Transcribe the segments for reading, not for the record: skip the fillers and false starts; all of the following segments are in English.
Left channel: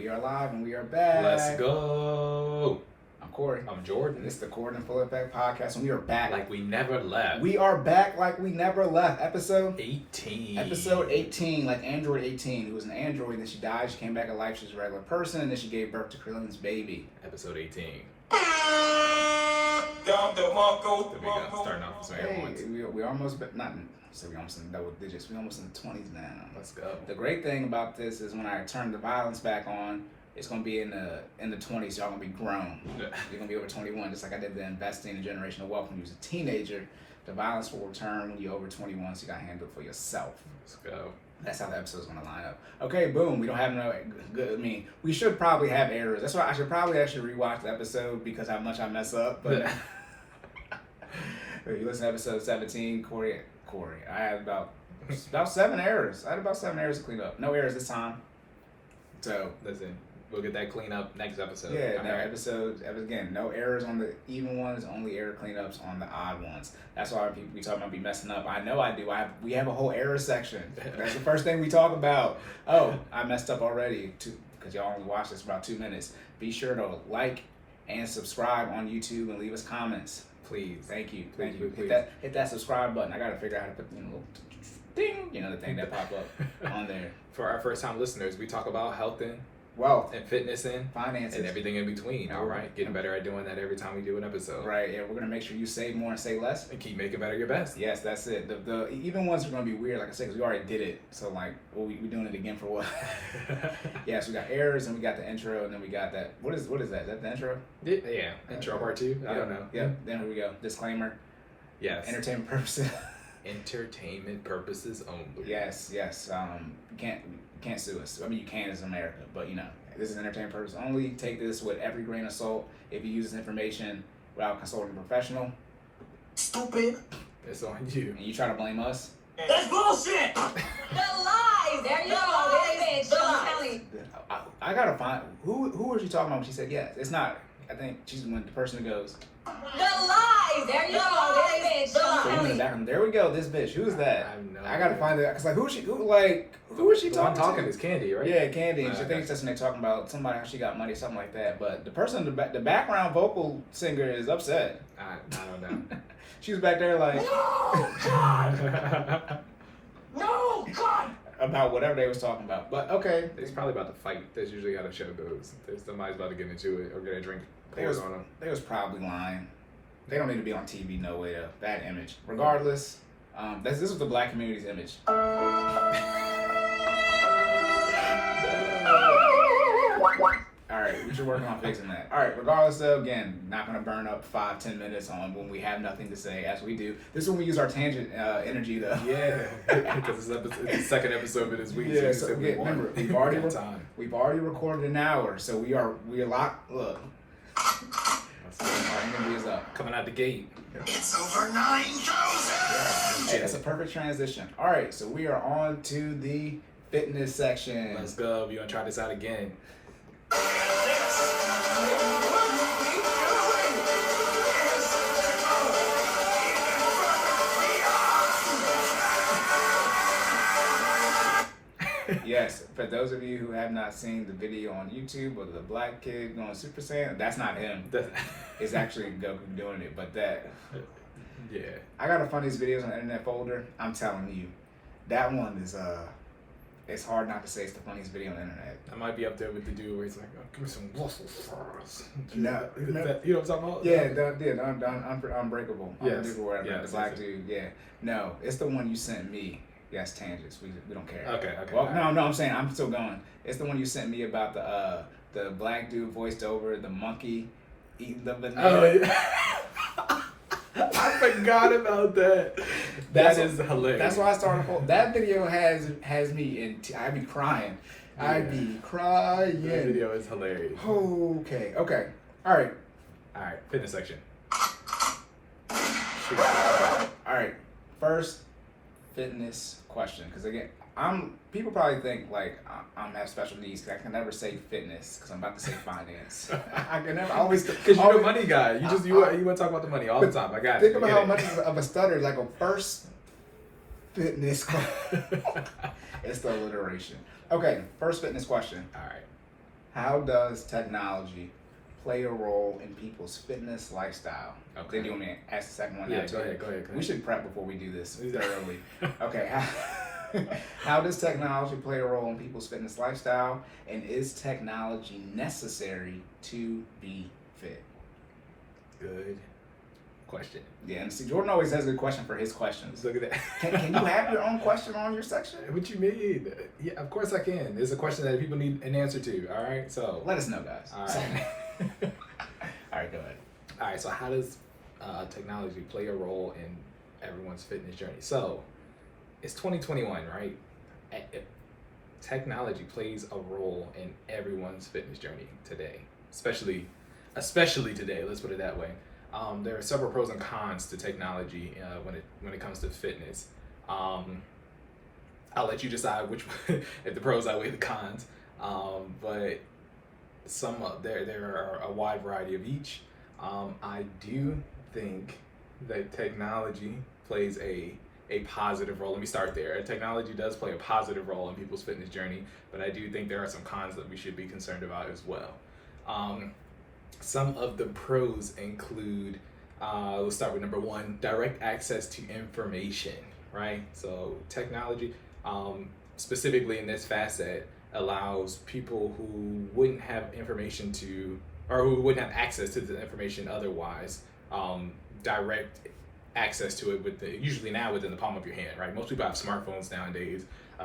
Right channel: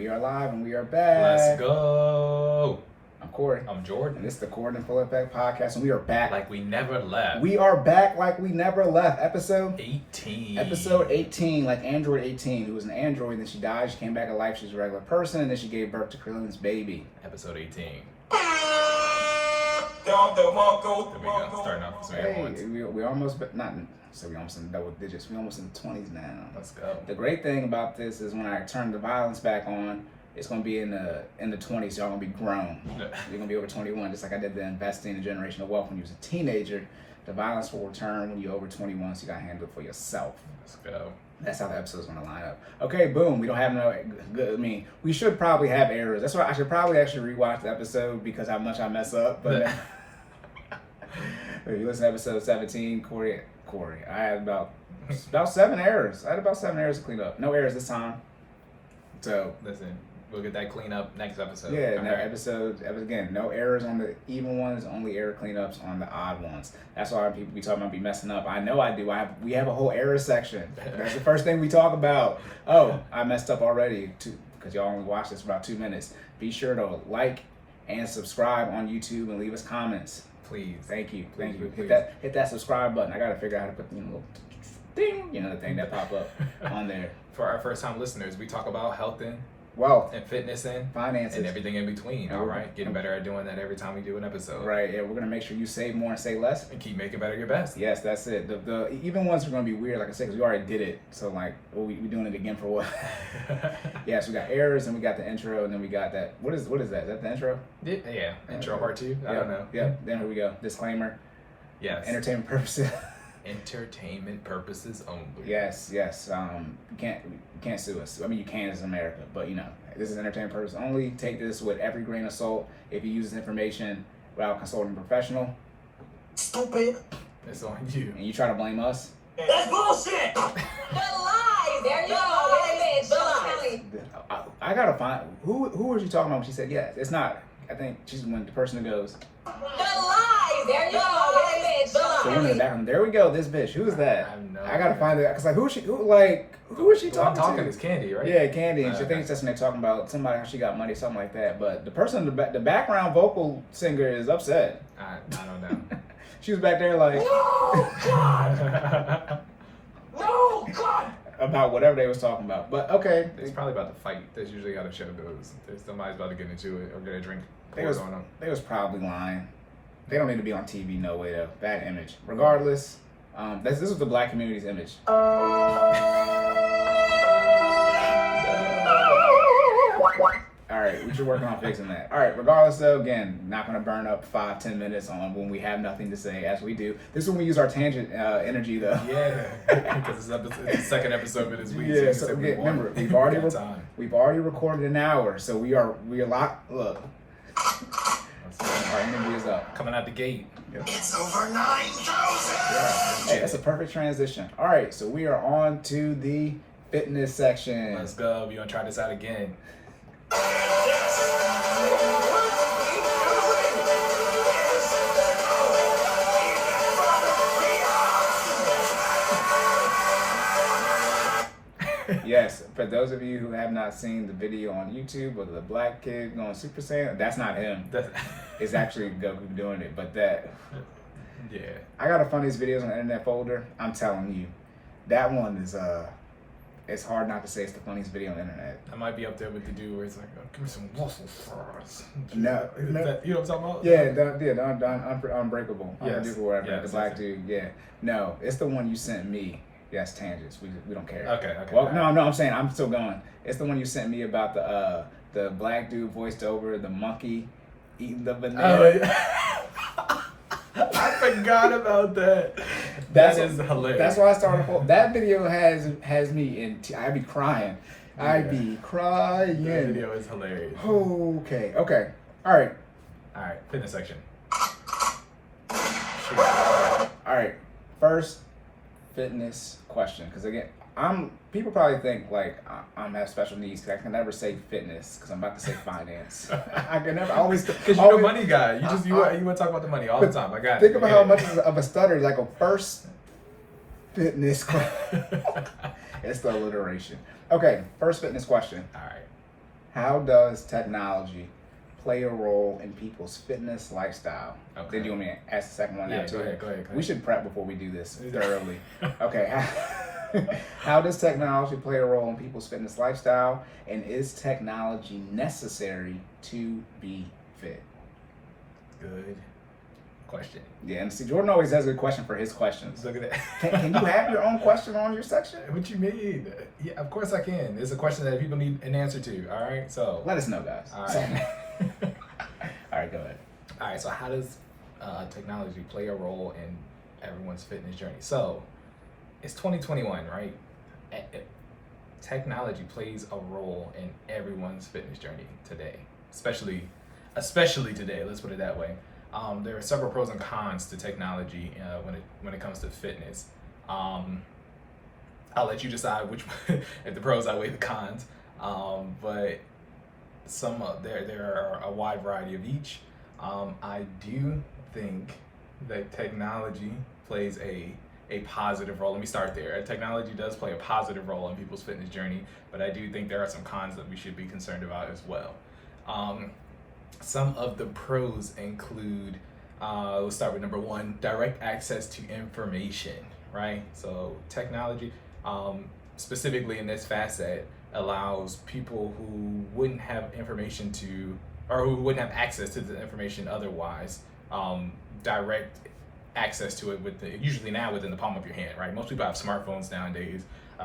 We are live and we are back. Let's go. I'm Cory. I'm Jordan. And this is the Cordan podcast, and we are back. Like we never left. We are back like we never left. Episode 18. Episode 18, like Android 18. Who was an android, then she died. She came back to life. She's a regular person, and then she gave birth to Krillin's baby. Episode 18. There There we go. Starting off with some air horns. We almost, but not. So we almost in double digits. We almost in the 20s now. Let's go. The great thing about this is when I turn the violence back on, it's gonna be in the 20s. Y'all gonna be grown. You're gonna be over 21, just like I did the investing in generational wealth when you was a teenager. The violence will return when you're over 21, so you gotta handle it for yourself. Let's go. That's how the episode's gonna line up. Okay, boom. We don't have no good. I mean, we should probably have errors. That's why I should probably actually rewatch the episode because how much I mess up. But if you listen to episode 17, Corey, I had about 7 errors. I had about 7 errors to clean up. No errors this time. So Listen, we'll get that clean up next episode. yeah, All no right. episode again. No errors on the even ones. Only error cleanups on the odd ones. That's why people be talking about be messing up. I know I do. We have a whole error section. That's the first thing we talk about. Oh, I messed up already because y'all only watched this for about 2 minutes. Be sure to like and subscribe on YouTube and leave us comments. Please. Thank you. Please, Thank you. please. Hit that subscribe button. I gotta figure out how to put little ding, the thing that pop up on there. For our first time listeners, we talk about health and Wealth, fitness and finances, everything in between. All right. Getting better at doing that every time we do an episode. Right. Yeah, we're gonna make sure you save more and say less. And keep making better your best. Yes, that's it. The even ones are gonna be weird, like I said, because we already did it. So like, we doing it again for what? Yes, we got errors and we got the intro and then we got that. What is that? Is that the intro? Yeah. Intro part 2. I don't know. Yeah. Then we go. Disclaimer. Yes. Entertainment purposes. Entertainment purposes only. Yes. You can't sue us. I mean, you can as America, but this is entertainment purposes only. Take this with every grain of salt. If you use this information without consulting a professional, Stupid. It's on you. and you try to blame us, That's bullshit. The lies. There you go. They bitch. I'm telling you. I gotta find who was you talking about when she said yes. It's not. I think she's when the person that goes. The lies. There you go. They bitch. The I'm woman in telling the you. background. There we go. This bitch. Who's that? I have no I gotta idea. find it because like who is she The one talking talking to? is Candy, right? Yeah, Candy, and she Okay. thinks that's when they're talking about somebody how she got money, something like that. But the person, the background vocal singer is upset. I don't know. She was back there like No, God. about whatever they was talking about. But okay, It's probably about to fight. That's usually how the show goes. There's somebody's about to get into it or get a drink They poured was- on them. they was probably lying. They don't need to be on TV, no way though. Bad image. Regardless, this was the black community's image. All right, we should work on fixing that. All right, regardless though, again, not gonna burn up 5-10 minutes on when we have nothing to say, as we do. This is when we use our tangent energy though. Yeah, because it's the second episode of this week. Yeah, so so we remember, we got time. we've already recorded an hour, so we are locked. Look, our energy is up. Coming out the gate. It's over 9,000. Hey, that's a perfect transition. All right, so we are on to the fitness section. Let's go. We gonna try this out again. Yes, for those of you who have not seen the video on YouTube of the black kid going Super Saiyan, that's not him. It's actually Goku doing it. But Yeah. I gotta find these videos on the internet folder. I'm telling you, that one is it's hard not to say it's the funniest video on the internet. I might be up there with the dude where it's like, oh, give me some muscle fries. No. You know what I'm talking about? Yeah, Unbreakable. Yes, Unbreakable, whatever. yes, The black yes. dude. Yeah. No, it's the one you sent me. Yes, tangents. We don't care. Okay. Well, All no, right. I'm saying I'm still going. It's the one you sent me about the black dude voiced over the monkey eating the banana. Oh, yeah. I forgot about that. That is hilarious. That's why I started. That video has me in. I'd be crying. I'd Yeah. be crying. That video is hilarious. Okay. All right. All right, fitness section. All right. First fitness question, because again, people probably think like I'm have special needs because I can never say fitness because I'm about to say finance. I can never always Because you're a always- money guy. You want to talk about the money all the time. I got it. Think about how much of a stutter like a first fitness question. It's the alliteration. Okay, first fitness question. All right. How does technology play a role in people's fitness lifestyle? Okay. Then you want me to ask the second one? Yeah, now, too? go ahead. We should prep before we do this thoroughly. Okay. How does technology play a role in people's fitness lifestyle? And is technology necessary to be fit? Good question. Yeah, and see, Jordan always has a question for his questions. Look at that. Can you have your own question on your section? What you mean? Yeah, of course I can. It's a question that people need an answer to. All right, so Let us know, guys. all right, All right, go ahead. all right. So how does technology play a role in everyone's fitness journey? So it's 2021, right? Technology plays a role in everyone's fitness journey today, especially today. Let's put it that way. There are several pros and cons to technology when it comes to fitness. I'll let you decide which if the pros outweigh the cons. But there are a wide variety of each. I do think that technology plays a positive role. Let me start there. Technology does play a positive role in people's fitness journey, but I do think there are some cons that we should be concerned about as well. Some of the pros include, let's start with number one, direct access to information, right? So technology, specifically in this facet, allows people who wouldn't have information or who wouldn't have access to the information otherwise, direct access to it usually now within the palm of your hand, right? Most people have smartphones nowadays.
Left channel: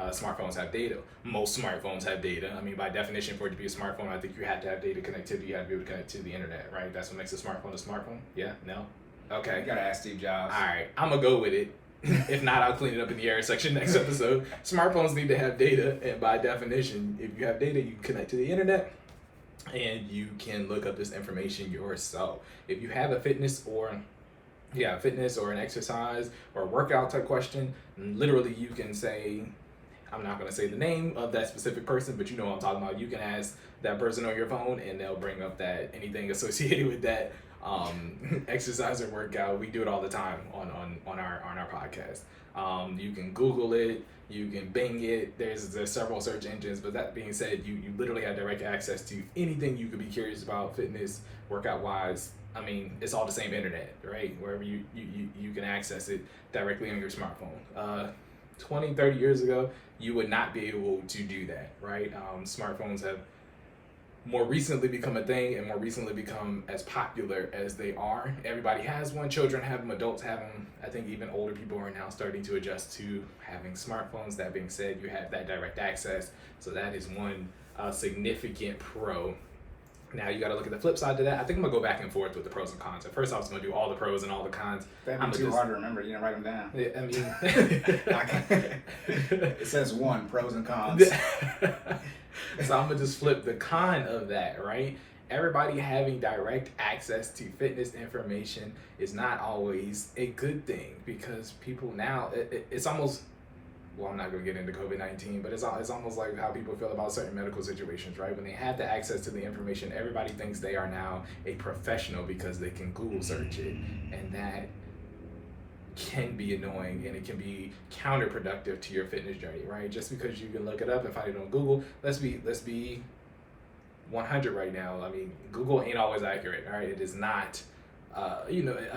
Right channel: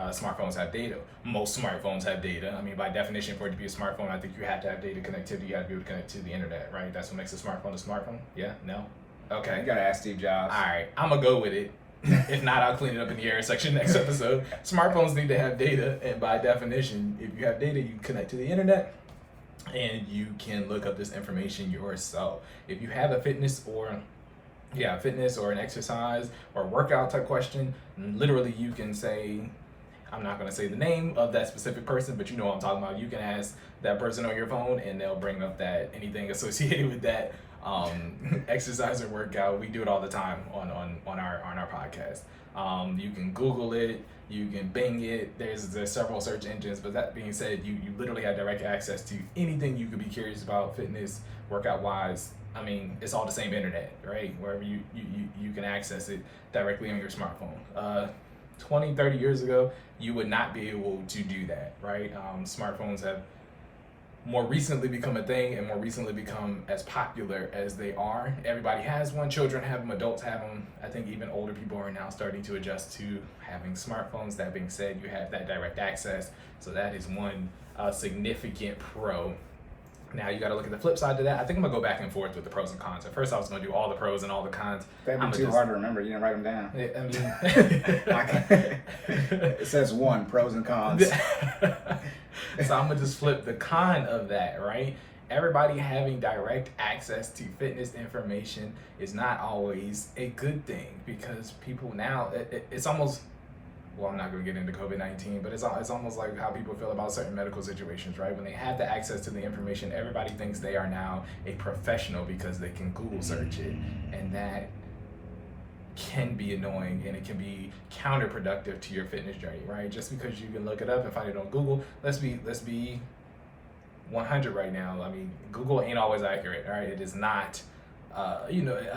Smartphones have data. Most smartphones have data. I mean, by definition, for it to be a smartphone, I think you have to have data connectivity. You have to be able to connect to the internet, right? That's what makes a smartphone. Yeah? No? Okay. You gotta ask Steve Jobs. All right. I'm gonna go with it. If not, I'll clean it up in the error section next episode. Smartphones need to have data, and by definition, if you have data, you can connect to the internet, and you can look up this information yourself. If you have a fitness or an exercise or workout type question, literally you can say, I'm not going to say the name of that specific person, but you know what I'm talking about. You can ask that person on your phone and they'll bring up anything associated with that exercise or workout. We do it all the time on our podcast. You can Google it, you can Bing it. There's several search engines, but that being said, you literally have direct access to anything you could be curious about, fitness, workout wise. I mean, it's all the same internet, right? Wherever you can access it directly on your smartphone. 20, 30 years ago, you would not be able to do that, right? Smartphones have more recently become a thing and more recently become as popular as they are. Everybody has one. Children have them, adults have them. I think even older people are now starting to adjust to having smartphones. That being said, you have that direct access. So that is one significant pro. Now you got to look at the flip side to that. I think I'm gonna go back and forth with the pros and cons. At first, I was gonna do all the pros and all the cons. That'd be too hard to remember. You didn't write them down. I mean, It says one, pros and cons. So I'm gonna just flip the con of that, right? Everybody having direct access to fitness information is not always a good thing, because people now, it's almost, well, I'm not going to get into COVID-19, but it's almost like how people feel about certain medical situations, right? When they have the access to the information, everybody thinks they are now a professional because they can Google search it. And that can be annoying, and it can be counterproductive to your fitness journey, right? Just because you can look it up and find it on Google, let's be 100 right now. I mean, Google ain't always accurate, all right? It is not. I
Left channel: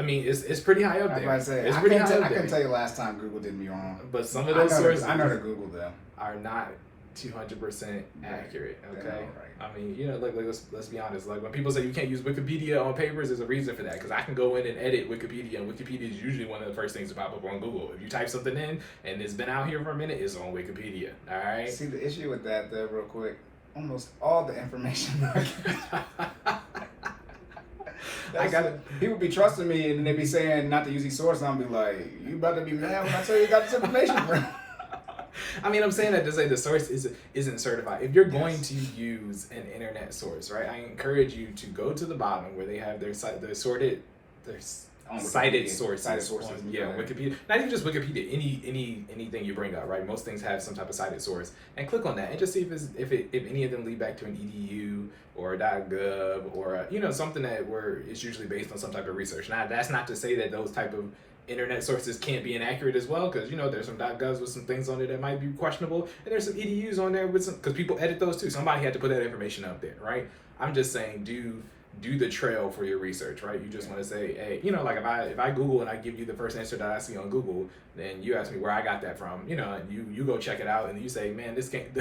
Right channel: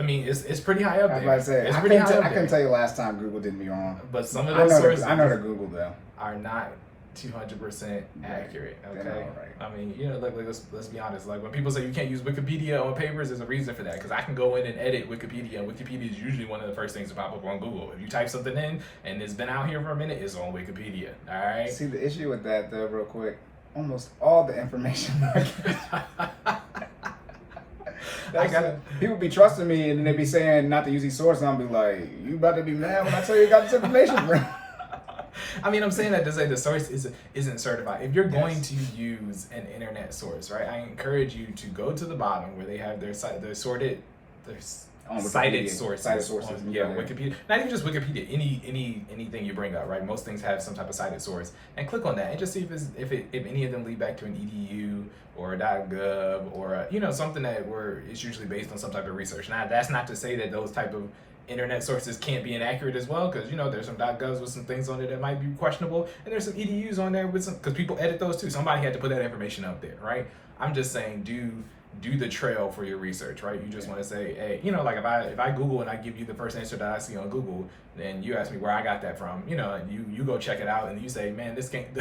mean, it's pretty high up there. It's pretty high up there. I can tell you last time Google did me wrong. But some of those sources I know the Google though are not 200% accurate. Okay, right. I mean, let's be honest. Like when people say you can't use Wikipedia on papers, there's a reason for that. Because I can go in and edit Wikipedia, and Wikipedia is usually one of the first things to pop up on Google. If you type something in and it's been out here for a minute, it's on Wikipedia. All right. See, the issue with that though, real quick, almost all the information. People be trusting me, and they be saying not to use these sources, and I'll be like, you about to be mad when I tell you got this information from. I mean, I'm saying that to say the source isn't certified. If you're going to use an internet source, right, I encourage you to go to the bottom where they have their cited sources. Wikipedia. Not even just Wikipedia. Anything you bring up, right? Most things have some type of cited source, and click on that and just see if any of them lead back to an edu or a .gov or something that where it's usually based on some type of research. Now, that's not to say that those type of internet sources can't be inaccurate as well, because there's some .govs with some things on it that might be questionable, and there's some edus on there with some, because people edit those too. Somebody had to put that information up there, right? I'm just saying, do the trail for your research, right? You just want to say, hey, like if I Google and I give you the first answer that I see on Google, then you ask me where I got that from, you go check it out, and you say, man, this can't,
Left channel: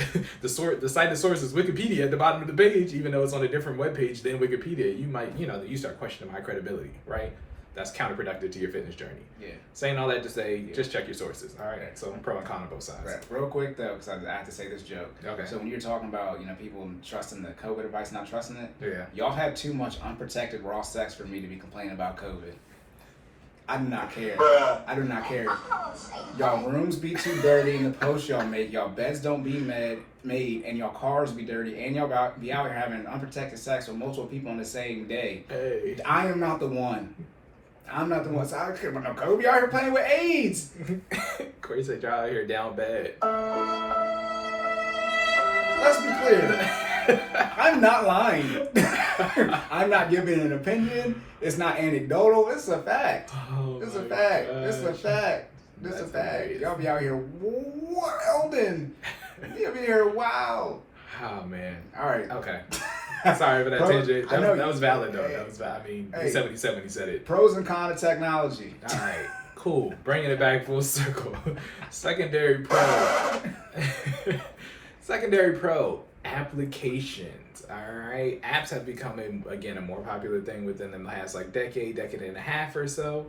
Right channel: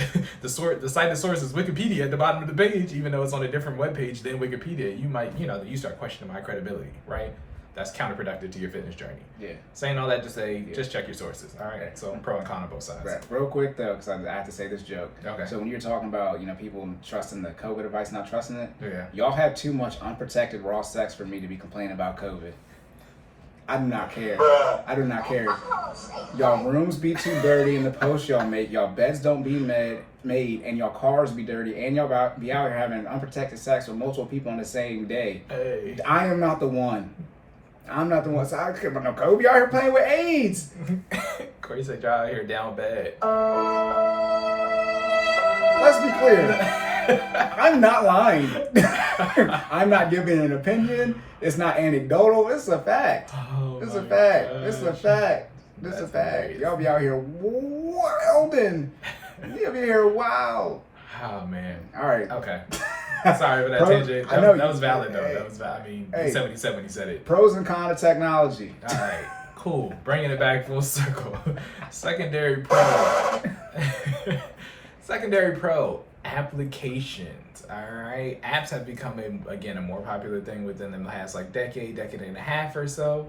the site of source is Wikipedia at the bottom of the page, even though it's on a different web page than Wikipedia. You might, you start questioning my credibility, right? That's counterproductive to your fitness journey. Yeah. Saying all that to say, just check your sources. All right. Okay. So I'm pro and con on both sides. Right. Real quick though, because I have to say this joke. Okay. So when you're talking about people trusting the COVID advice, not trusting it. Yeah. Y'all have too much unprotected raw sex for me to be complaining about COVID. I do not care. I do not care. Y'all rooms be too dirty in the post y'all make. Y'all beds don't be made, and y'all cars be dirty, and y'all be out here having unprotected sex with multiple people on the same day. Hey. I am not the one. I'm not the one. So I don't care about no Kobe out here playing with AIDS. Cory said y'all out here down bad. Let's be clear. I'm not lying. I'm not giving an opinion. It's not anecdotal. It's a fact. It's a fact. It's a fact. It's a fact. Amazing. Y'all be out here wilding. Y'all be here wild. Oh man. All right. Okay. Sorry for that tangent. That was valid though. That was valid. I mean, he said what he said it. Pros and cons of technology. All right. Cool. Bringing it back full circle. Secondary pro. Secondary pro applications. All right. Apps have become a more popular thing within the last decade and a half or so.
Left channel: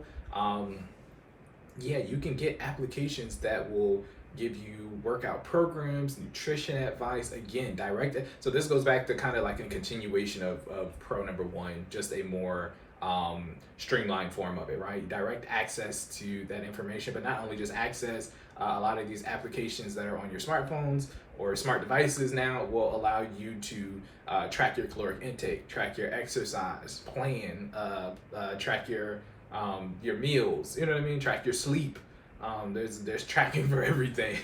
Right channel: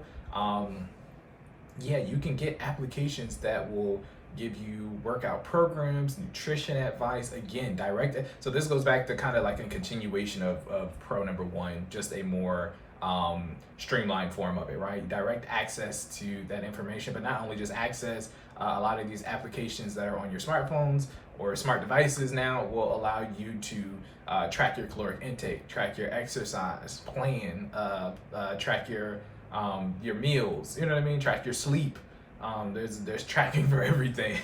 Yeah, you can get applications that will give you workout programs, nutrition advice, again, direct. So this goes back to kind of like a continuation of pro number one, just a more streamlined form of it, right? Direct access to that information, but not only just access, a lot of these applications that are on your smartphones or smart devices now will allow you to track your caloric intake, track your exercise plan, track your meals, you know what I mean? Track your sleep. There's tracking for everything.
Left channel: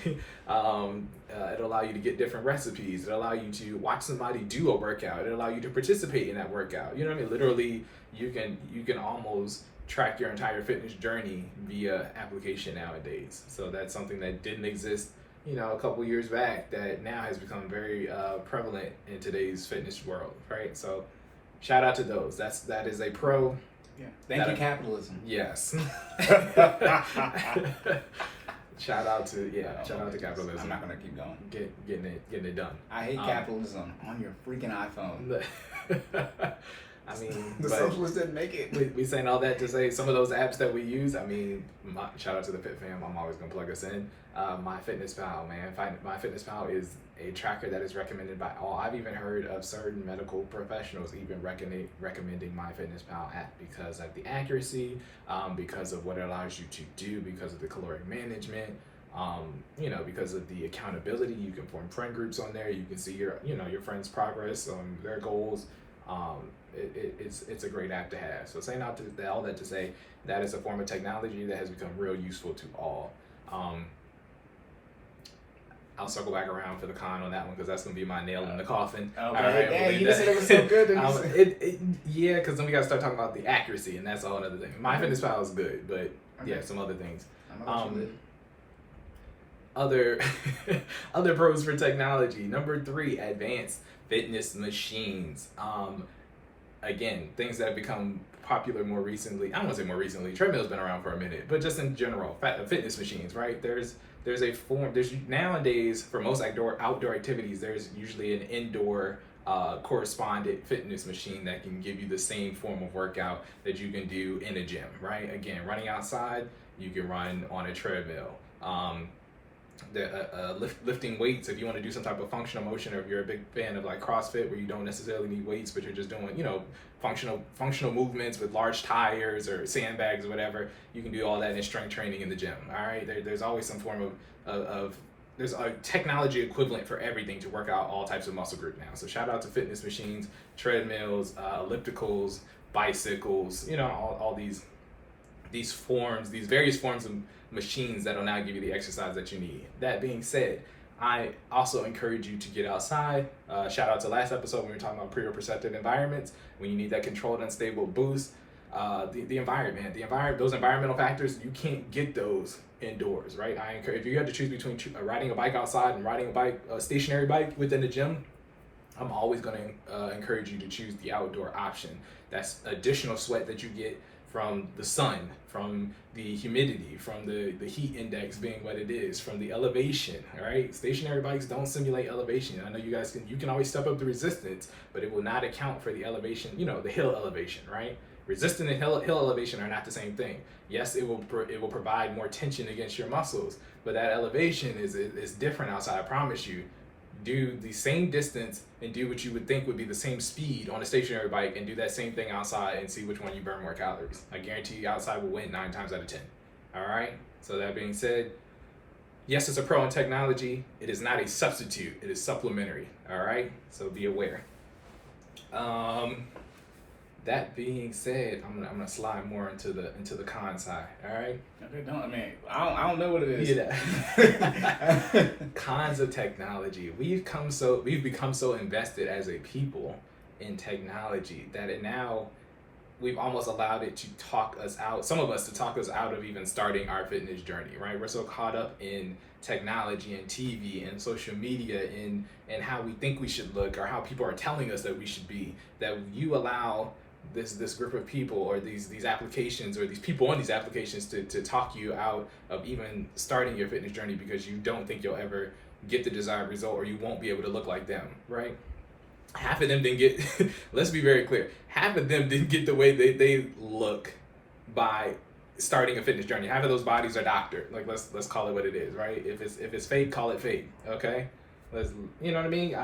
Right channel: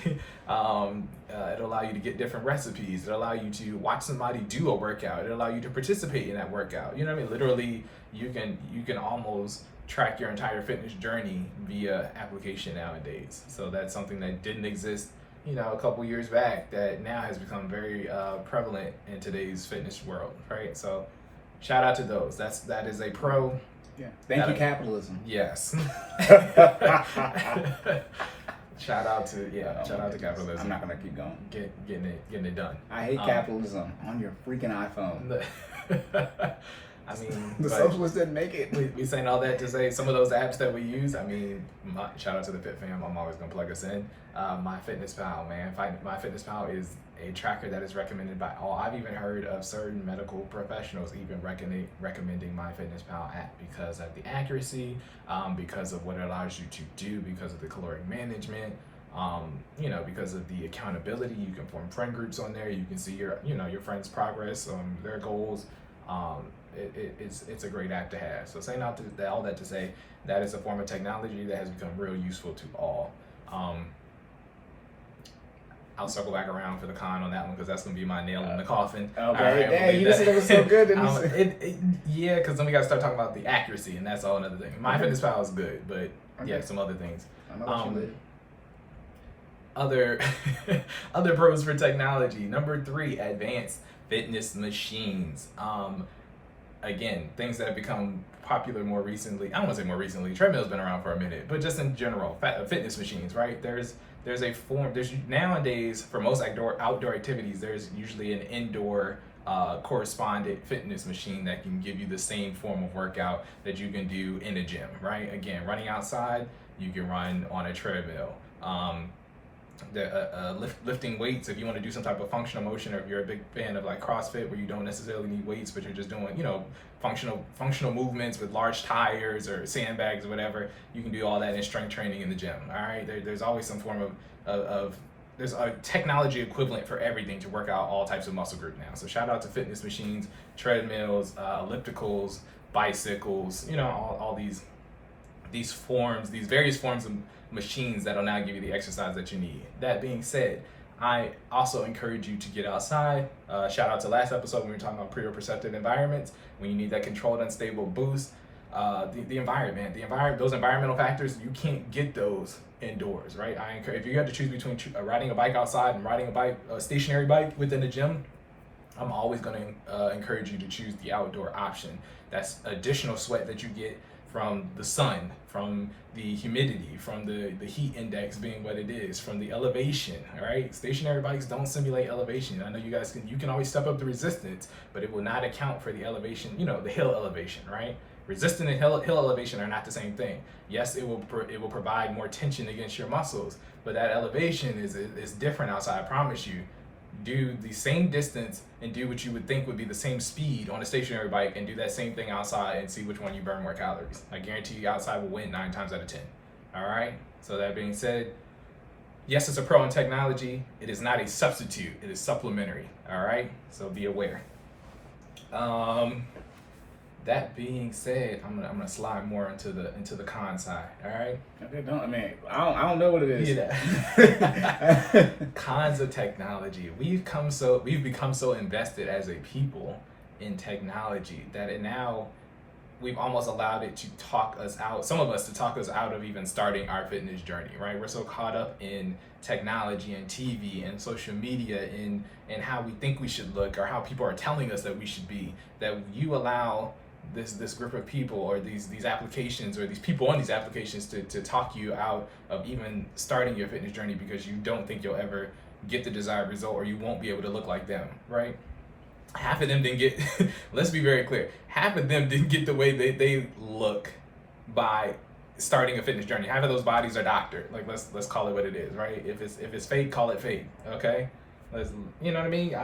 It'll allow you to get different recipes. It'll allow you to watch somebody do a workout. It'll allow you to participate in that workout. You know what I mean? Literally, you can almost track your entire fitness journey via application nowadays. So that's something that didn't exist, a couple years back, that now has become very prevalent in today's fitness world, right? So shout out to those. That is a pro. Yeah. Thank you, capitalism. Yes. Shout out to capitalism. I'm not gonna keep going. Getting it done. I hate capitalism on your freaking iPhone. I mean, the socialists didn't make it. We saying all that to say some of those apps that we use. I mean, shout out to the Fit Fam. I'm always gonna plug us in. MyFitnessPal, man. MyFitnessPal is a tracker that is recommended by all. I've even heard of certain medical professionals even recommending MyFitnessPal app because of the accuracy, because of what it allows you to do, because of the caloric management. Because of the accountability. You can form friend groups on there. You can see your friends' progress on their goals. It's a great app to have. So saying all that to say that is a form of technology that has become real useful to all. I'll circle back around for the con on that one because that's gonna be my nail in the coffin. Okay. All right, you said it was so good. Yeah, because then we got to start talking about the accuracy, and that's all another thing. MyFitnessPal is good, but yeah, some other things. Other pros for technology. Number 3, advanced fitness machines. Again, things that have become popular more recently. I don't want to say more recently. Treadmill's been around for a minute, but just in general, fitness machines, right? There's nowadays for most outdoor activities, there's usually an indoor correspondent fitness machine that can give you the same form of workout that you can do in a gym, right? Again, running outside, you can run on a treadmill. Lifting weights, if you want to do some type of functional motion, or if you're a big fan of like CrossFit where you don't necessarily need weights but you're just doing functional movements with large tires or sandbags or whatever, you can do all that in strength training in the gym. All right, there's always some form of there's a technology equivalent for everything to work out all types of muscle group now. So shout out to fitness machines, treadmills, ellipticals, bicycles, all these various forms of machines that'll now give you the exercise that you need. That being said, I also encourage you to get outside. Shout out to last episode when we were talking about proprioceptive environments, when you need that controlled, unstable boost. The environment, those environmental factors, you can't get those indoors, right? I encourage, if you had to choose between riding a bike outside and riding a stationary bike within the gym, I'm always going to encourage you to choose the outdoor option. That's additional sweat that you get from the sun, from the humidity, from the heat index being what it is, from the elevation. All right, stationary bikes don't simulate elevation. I know you can always step up the resistance, but it will not account for the elevation, the hill elevation, right? Resistance and hill elevation are not the same thing. Yes, it will provide more tension against your muscles, but that elevation is different outside. I promise you. Do the same distance and do what you would think would be the same speed on a stationary bike, and do that same thing outside and see which one you burn more calories. I guarantee you outside will win 9 times out of 10. All right. So that being said, yes, it's a pro in technology. It is not a substitute. It is supplementary. All right. So be aware. That being said, I'm gonna slide more into the con side. All right. Okay, I don't know what it is. Yeah. Cons of technology. We've become so invested as a people in technology that now we've almost allowed it to talk us out. Some of us to talk us out of even starting our fitness journey. Right. We're so caught up in technology and TV and social media and how we think we should look, or how people are telling us that we should be, that you allow this group of people or these applications or these people on these applications to talk you out of even starting your fitness journey, because you don't think you'll ever get the desired result, or you won't be able to look like them, right? Half of them didn't get let's be very clear, half of them didn't get the way they look by starting a fitness journey. Half of those bodies are doctored. Like, let's call it what it is, right? If it's fake, call it fake. Okay, you know what I mean?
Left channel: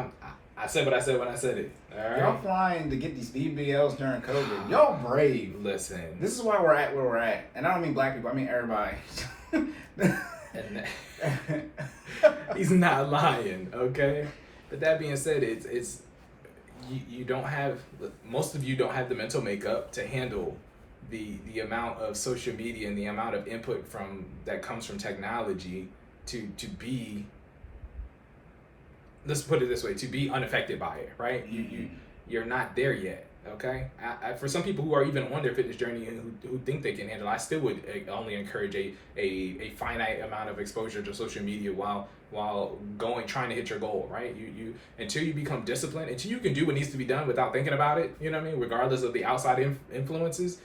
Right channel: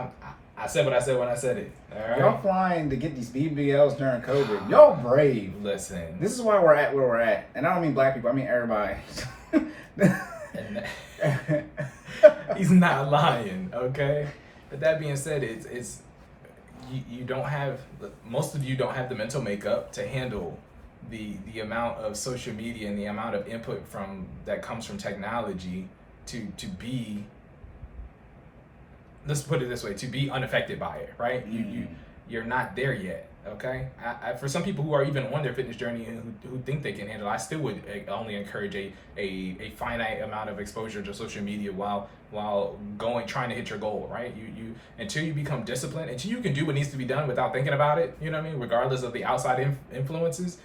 I said what I said when I said it. All right. Y'all flying to get these BBLs during COVID. Y'all brave. Listen. This is why we're at where we're at, and I don't mean black people. I mean everybody. He's not lying, okay? But that being said, it's you don't have, most of you don't have the mental makeup to handle the amount of social media and the amount of input that comes from technology to be, let's put it this way, to be unaffected by it, right? You're not there yet, okay? For some people who are even on their fitness journey and who think they can handle it, I still would only encourage a finite amount of exposure to social media while trying to hit your goal, right? You until you become disciplined, until you can do what needs to be done without thinking about it, you know what I mean? Regardless of the outside influences,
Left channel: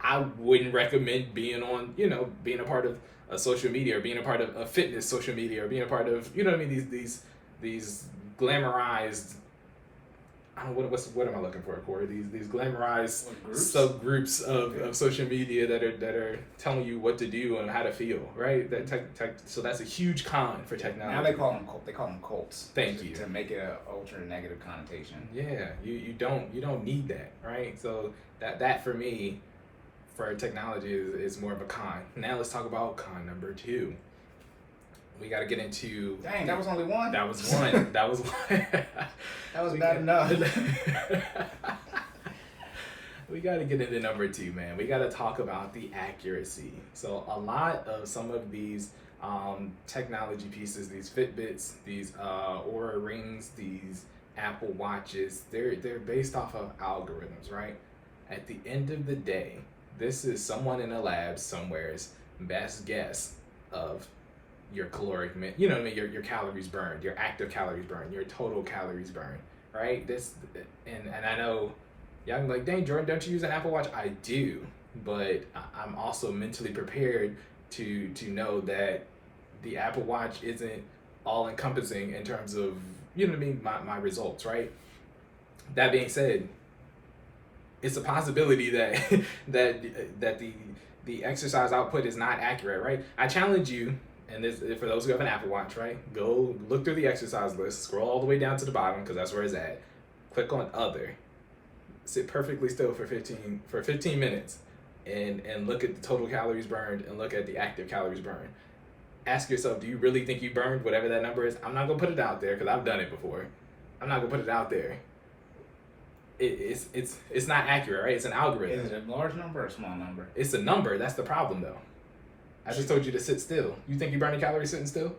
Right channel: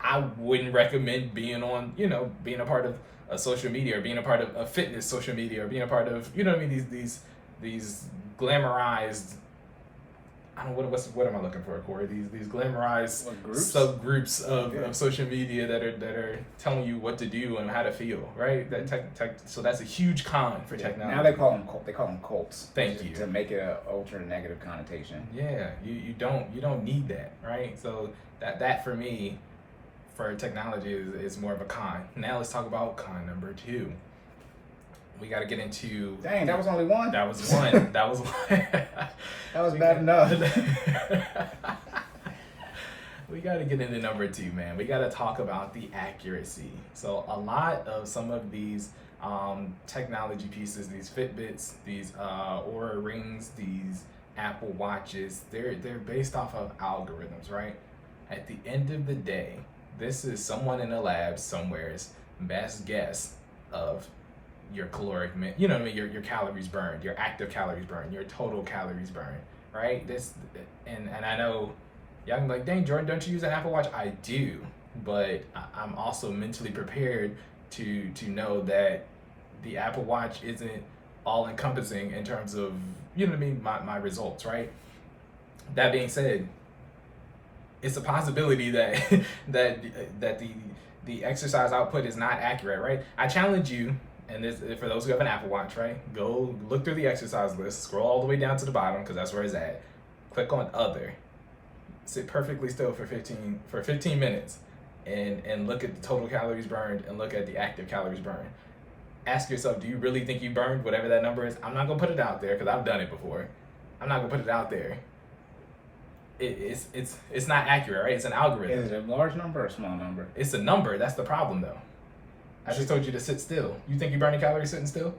I wouldn't recommend being a part of a social media, or being a part of a fitness social media, or being a part of, you know what I mean, these glamorized, I don't know, what am I looking for, Corey? These glamorized subgroups of social media that are telling you what to do and how to feel, right? So that's a huge con for technology. Now they call them cults. Thank you. To make it an ultra negative connotation. Yeah, you don't need that, right? So that for me, for technology is more of a con. Now let's talk about con number 2. We got to get into. Dang, that was only one. That was one. That was one. That was bad enough. We got to get into number 2, man. We got to talk about the accuracy. So a lot of some of these technology pieces, these Fitbits, these Oura Rings, these Apple Watches, they're based off of algorithms, right? At the end of the day, this is someone in a lab somewhere's best guess of your caloric, you know what I mean, your calories burned, your active calories burned, your total calories burned, right? And I know y'all can be like, dang, Jordan, don't you use an Apple Watch? I do, but I'm also mentally prepared to know that the Apple Watch isn't all encompassing in terms of, you know what I mean, my results, right? That being said, it's a possibility that the exercise output is not accurate, right? I challenge you. And this, for those who have an Apple Watch, right? Go look through the exercise list, scroll all the way down to the bottom, because that's where it's at. Click on Other. Sit perfectly still for 15 minutes and look at the total calories burned and look at the active calories burned. Ask yourself, do you really think you burned whatever that number is? I'm not going to put it out there because I've done it before. I'm not going to put it out there. It's not accurate, right? It's an algorithm. Is it a large number or a small number? It's a number. That's the problem, though. I just told you to sit still. You think you're burning calories sitting still?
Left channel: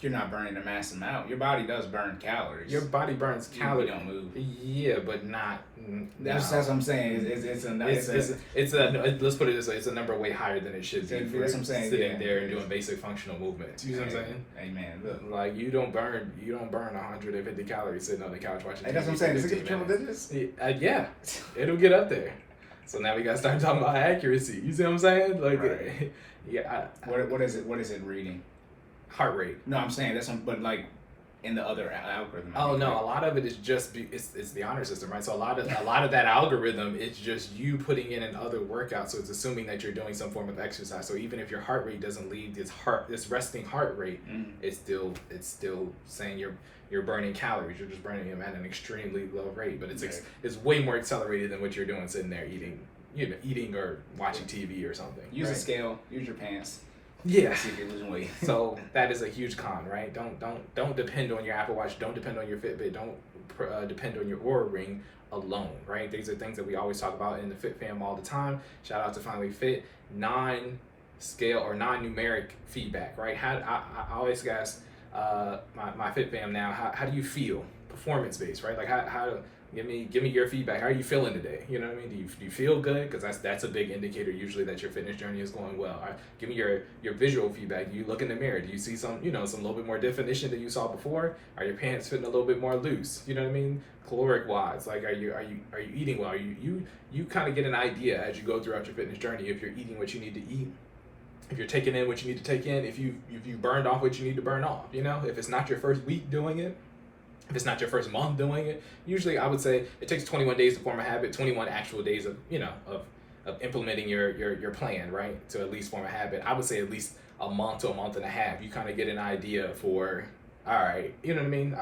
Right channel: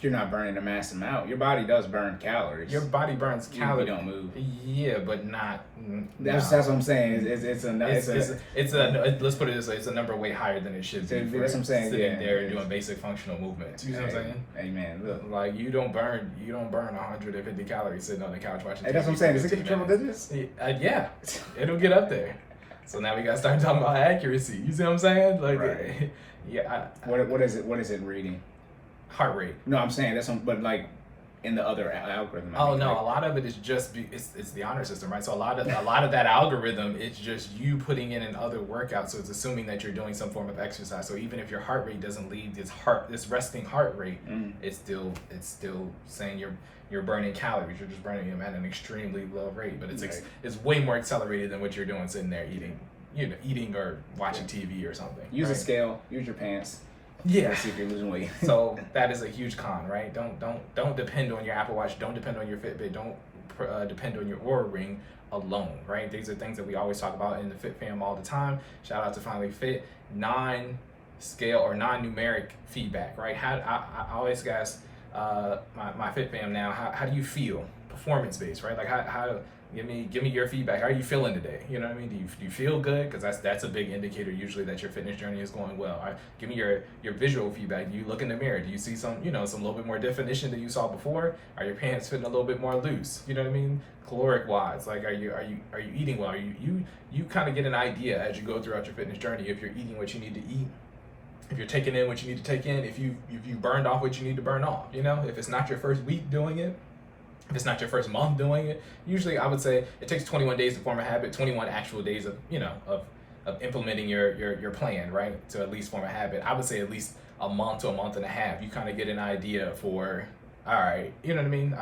You're not burning a mass amount. Your body does burn calories. Your body burns You calories. don't move. Yeah, but not. That's what I'm saying. Let's put it this way: it's a number way higher than it should be. That's For what I'm saying. sitting Yeah. there and doing basic functional movements. You know what I'm saying? Hey man, look. Like you don't burn 150 calories sitting on the couch watching TV. Hey, that's what I'm saying. Does it 15 get triple minutes. digits? Yeah, it'll get up there. So now we gotta start talking about accuracy. You see what I'm saying? Like, Right. yeah. What is it? What is it reading? Heart rate. No, I'm saying that's but like in the other algorithm. Oh no, a lot of it is just it's the honor system, right? So a lot of that algorithm, it's just you putting in other workouts. So it's assuming that you're doing some form of exercise. So even if your heart rate doesn't leave this resting heart rate, it's still saying you're burning calories. You're just burning them at an extremely low rate, but it's way more accelerated than what you're doing sitting there eating or watching TV or something. Use right? a scale. Use your pants. Yeah. See if you're losing weight. So that is a huge con, right? Don't depend on your Apple Watch. Don't depend on your Fitbit. Don't depend on your Oura Ring alone, right? These are things that we always talk about in the Fit fam all the time. Shout out to FinallyFit. Non-scale or non-numeric feedback, right? I always ask my Fit fam now, how do you feel? Performance based, right? Like how give me your feedback. How are you feeling today? You know what I mean? Do you feel good? Because that's a big indicator usually that your fitness journey is going well. Give me your visual feedback. Do you look in the mirror? Do you see some little bit more definition than you saw before? Are your pants fitting a little bit more loose? You know what I mean? Caloric wise, like are you eating well? You kind of get an idea as you go throughout your fitness journey if you're eating what you need to eat. If you're taking in what you need to take in, if you burned off what you need to burn off, if it's not your first week doing it, if it's not your first month doing it, usually I would say it takes 21 days to form a habit, 21 actual days of implementing your plan, right? To at least form a habit. I would say at least a month to a month and a half. You kind of get an idea for, all right, you know what I mean?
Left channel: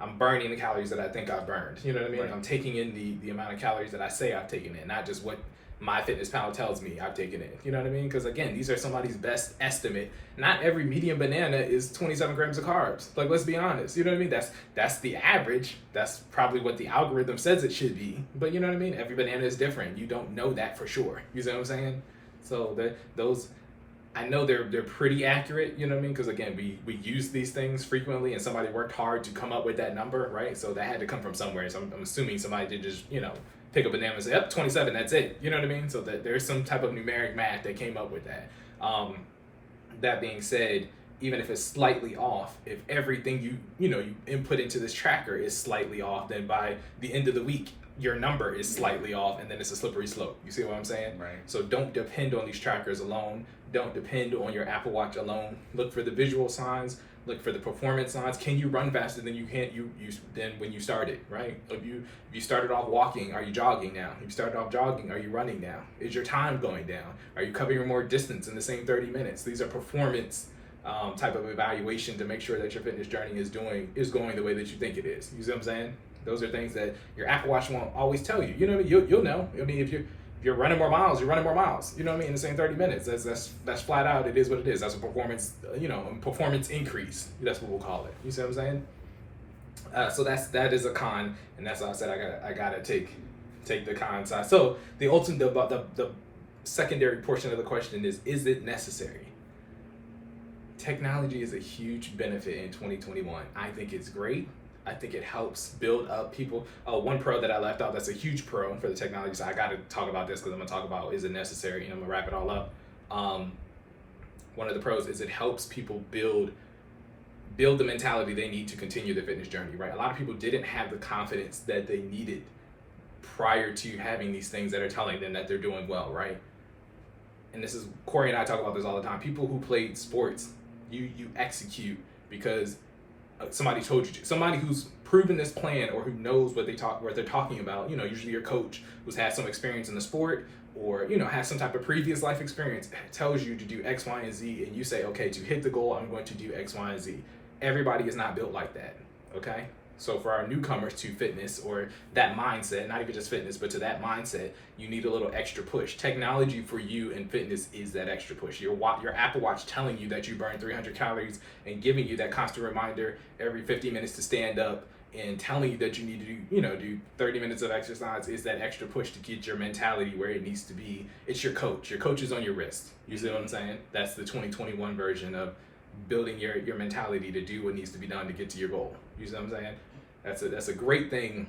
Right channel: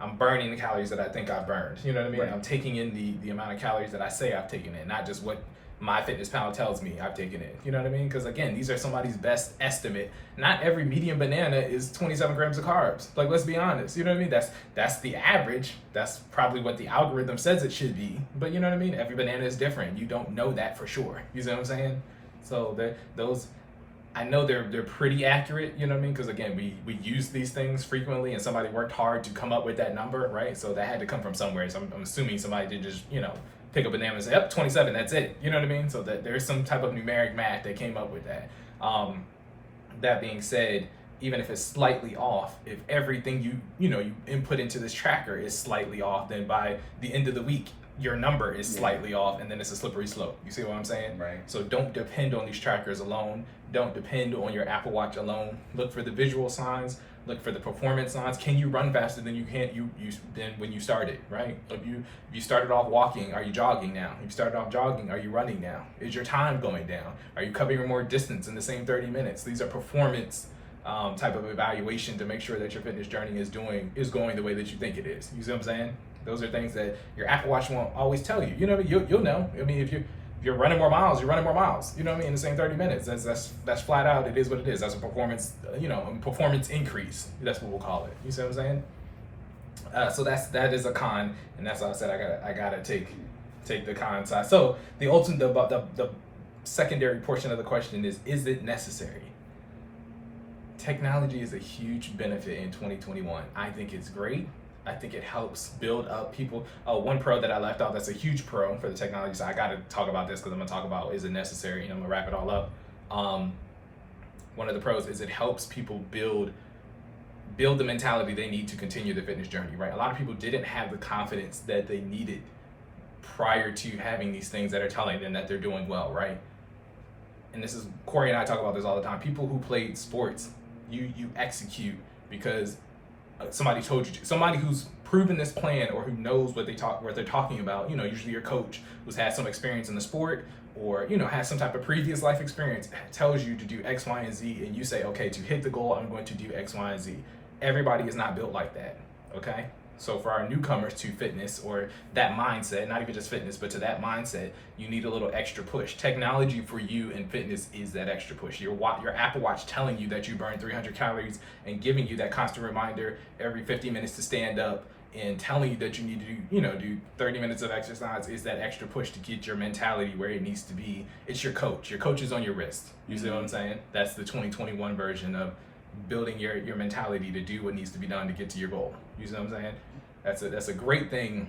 I'm burning the calories that I think I've burned. You know what I mean? Right. I'm taking in the amount of calories that I say I've taken in, not just what MyFitnessPal tells me I've taken it. You know what I mean? Because again, these are somebody's best estimate. Not every medium banana is 27 grams of carbs. Like, let's be honest. You know what I mean? That's the average. That's probably what the algorithm says it should be. But you know what I mean? Every banana is different. You don't know that for sure. You see what I'm saying? So those, I know they're pretty accurate. You know what I mean? Because again, we use these things frequently, and somebody worked hard to come up with that number, right? So that had to come from somewhere. So I'm assuming somebody did just pick up a banana and say, yep, 27, that's it. You know what I mean? So that there's some type of numeric math that came up with that. That being said, even if it's slightly off, if everything you input into this tracker is slightly off, then by the end of the week, your number is slightly off, and then it's a slippery slope. You see what I'm saying? Right. So don't depend on these trackers alone. Don't depend on your Apple Watch alone. Look for the visual signs. Look for the performance signs. Can you run faster than you than when you started, right? If you started off walking, are you jogging now? If you started off jogging, are you running now? Is your time going down? Are you covering more distance in the same 30 minutes? These are performance type of evaluation to make sure that your fitness journey is going the way that you think it is. You see what I'm saying? Those are things that your Apple Watch won't always tell you. You know what I mean? You'll know. I mean, if you're running more miles, you're running more miles. You know what I mean? In the same 30 minutes. That's flat out. It is what it is. That's a performance, performance increase. That's what we'll call it. You see what I'm saying? So that is a con, and that's why I said I gotta take the con side. So the ultimate, the secondary portion of the question is it necessary? Technology is a huge benefit in 2021. I think it's great. I think it helps build up people. One pro that I left out that's a huge pro for the technology side. I got to talk about this because I'm going to talk about is it necessary, and I'm going to wrap it all up. One of the pros is it helps people build the mentality they need to continue their fitness journey, right? A lot of people didn't have the confidence that they needed prior to having these things that are telling them that they're doing well, right? And this is, Cory and I talk about this all the time. People who played sports, you execute because somebody told you to. Somebody who's proven this plan or who knows what they're talking about, usually your coach who's had some experience in the sport or, has some type of previous life experience, tells you to do X, Y, and Z, and you say, okay, to hit the goal, I'm going to do X, Y, and Z. Everybody is not built like that, okay? So for our newcomers to fitness or that mindset, not even just fitness, but to that mindset, you need a little extra push. Technology for you in fitness is that extra push. Your Apple Watch telling you that you burn 300 calories and giving you that constant reminder every 50 minutes to stand up and telling you that you need to do 30 minutes of exercise is that extra push to get your mentality where it needs to be. It's your coach. Your coach is on your wrist. You see what I'm saying? That's the 2021 version of building your mentality to do what needs to be done to get to your goal. You see what I'm saying? That's a great thing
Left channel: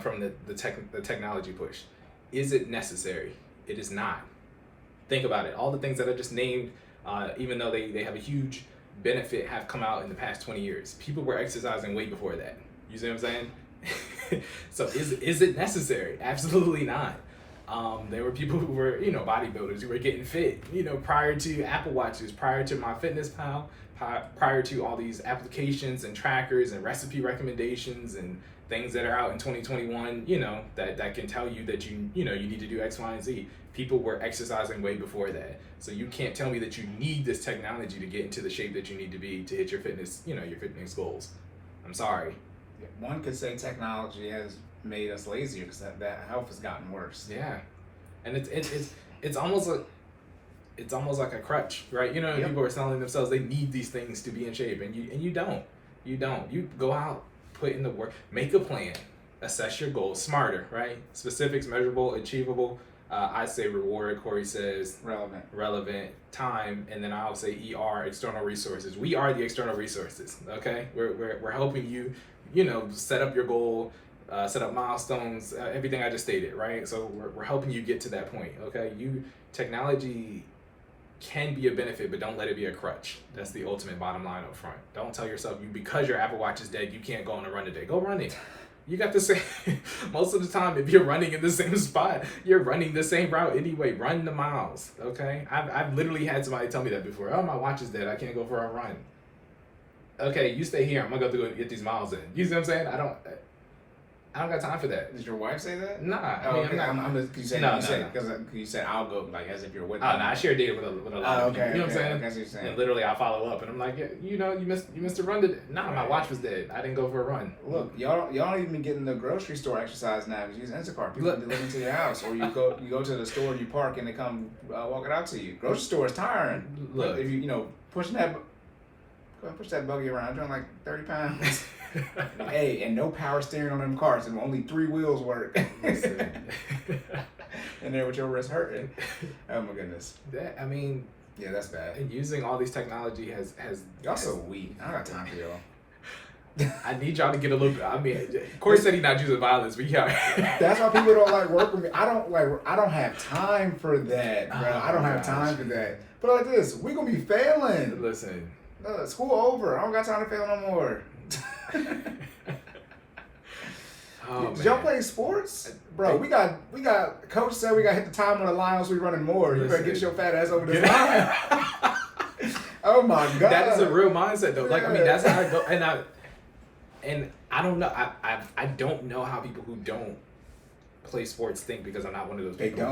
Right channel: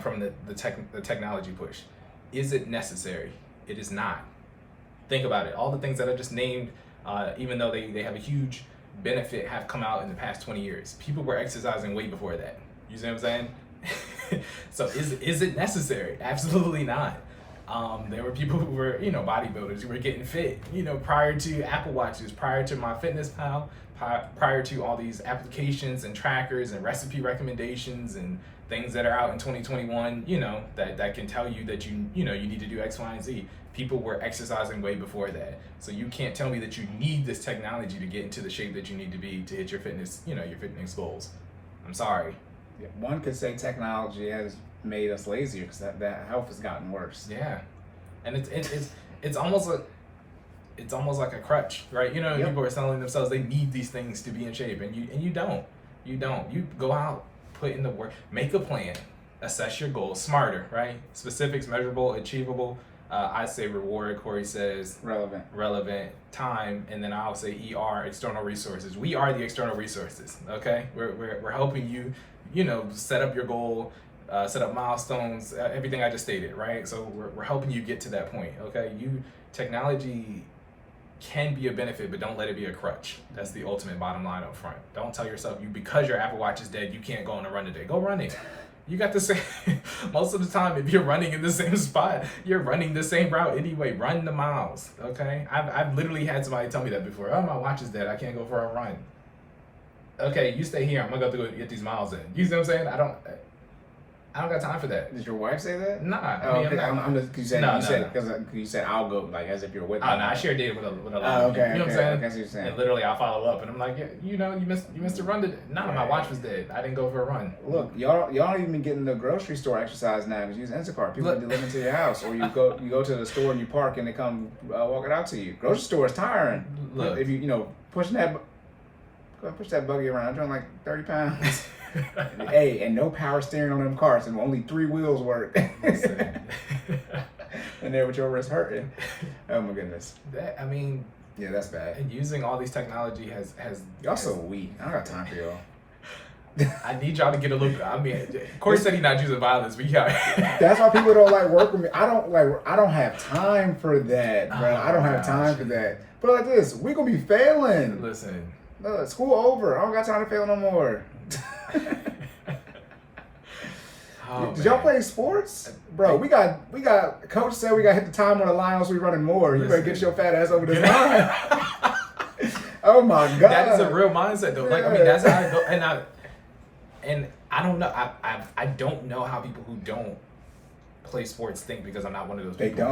from the technology push. Is it necessary? It is not. Think about it. All the things that I just named, even though they have a huge benefit, have come out in the past 20 years. People were exercising way before that. You see what I'm saying? So is it necessary? Absolutely not. There were people who were, bodybuilders who were getting fit, prior to Apple Watches, prior to MyFitnessPal, prior to all these applications and trackers and recipe recommendations and things that are out in 2021, that can tell you that you need to do X, Y, and Z. People were exercising way before that. So you can't tell me that you need this technology to get into the shape that you need to be to hit your fitness, your fitness goals. I'm sorry. Yeah, one could say technology has made us lazier because that health has gotten worse. Yeah, and it's almost like a crutch, right? Yep. People are telling themselves they need these things to be in shape, and you don't. You go out, put in the work, make a plan, assess your goals, smarter, right? Specifics, measurable, achievable. I say reward. Corey says relevant, time, and then I'll say ER, external resources. We are the external resources. Okay, we're helping you, set up your goal. Set up milestones, everything I just stated, right? So we're helping you get to that point, okay? Technology can be a benefit, but don't let it be a crutch. That's the ultimate bottom line up front. Don't tell yourself because your Apple Watch is dead, you can't go on a run today. Go running. You got the same, most of the time, if you're running in the same spot, you're running the same route anyway. Run the miles, okay? I've literally had somebody tell me that before. Oh, my watch is dead, I can't go for a run. Okay, you stay here, I'm gonna go get these miles in. You see what I'm saying? I don't got time for that. Did your wife say that? Nah, okay. I'm just, you said I'll go, like, as if you're with them. Oh, no, I share data with a lot of people. You know what I'm saying? Okay, I see what you're saying. And literally, I follow up, and I'm like, yeah, you missed a run today. Nah, my watch was dead. I didn't go for a run. Look, y'all don't even get in the grocery store exercise now. You use Instacart. People deliver to your house, or you go to the store and you park, and they come walk it out to you. Grocery store is tiring. Look, if you push that buggy around, you're like 30 pounds. Hey, and no power steering on them cars, and only 3 wheels work. And there with your wrist hurting. Oh my goodness. Yeah, that's bad. And using all these technology has y'all so weak. I don't got time for y'all. I need y'all to get a little. Corey said he's not using violence, but yeah. That's why people don't like work with me. I don't have time for that, bro. I don't have time for that. But like this, we gonna be failing. Listen. School over. I don't got time to fail no more. Did y'all play sports? Bro, we got coach said we got to hit the time on the line else we running more. You better get your fat ass over this line. Oh my god. That is a real mindset though. Like, that's how I go, and I don't know. I don't know how people who don't play sports think, because I'm not one of those people. They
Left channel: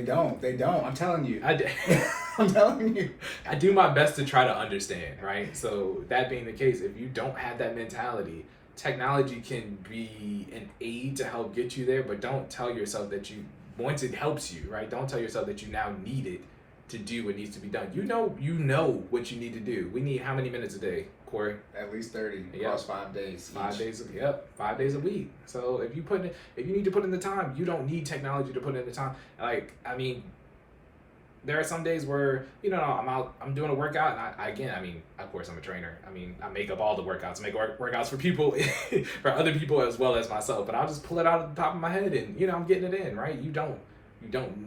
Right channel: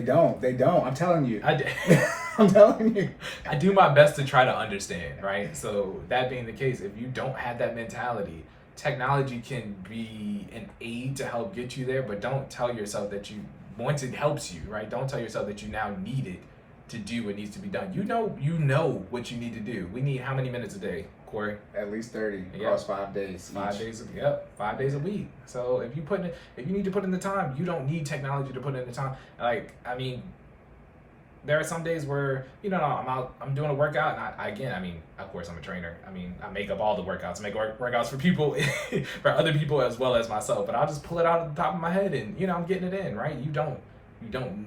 don't. I'm telling you. I'm telling you. I do my best to try to understand, right? So that being the case, if you don't have that mentality, technology can be an aid to help get you there, but don't tell yourself that once it helps you, right? Don't tell yourself that you now need it to do what needs to be done. You know what you need to do. We need how many minutes a day, Corey? At least 30 across 5 days. 5 days. Yep, 5 days a week. So if you need to put in the time, you don't need technology to put in the time. There are some days where, I'm doing a workout, and of course I'm a trainer. I make up all the workouts, make workouts for people, for other people as well as myself, but I'll just pull it out of the top of my head and, I'm getting it in, right? You don't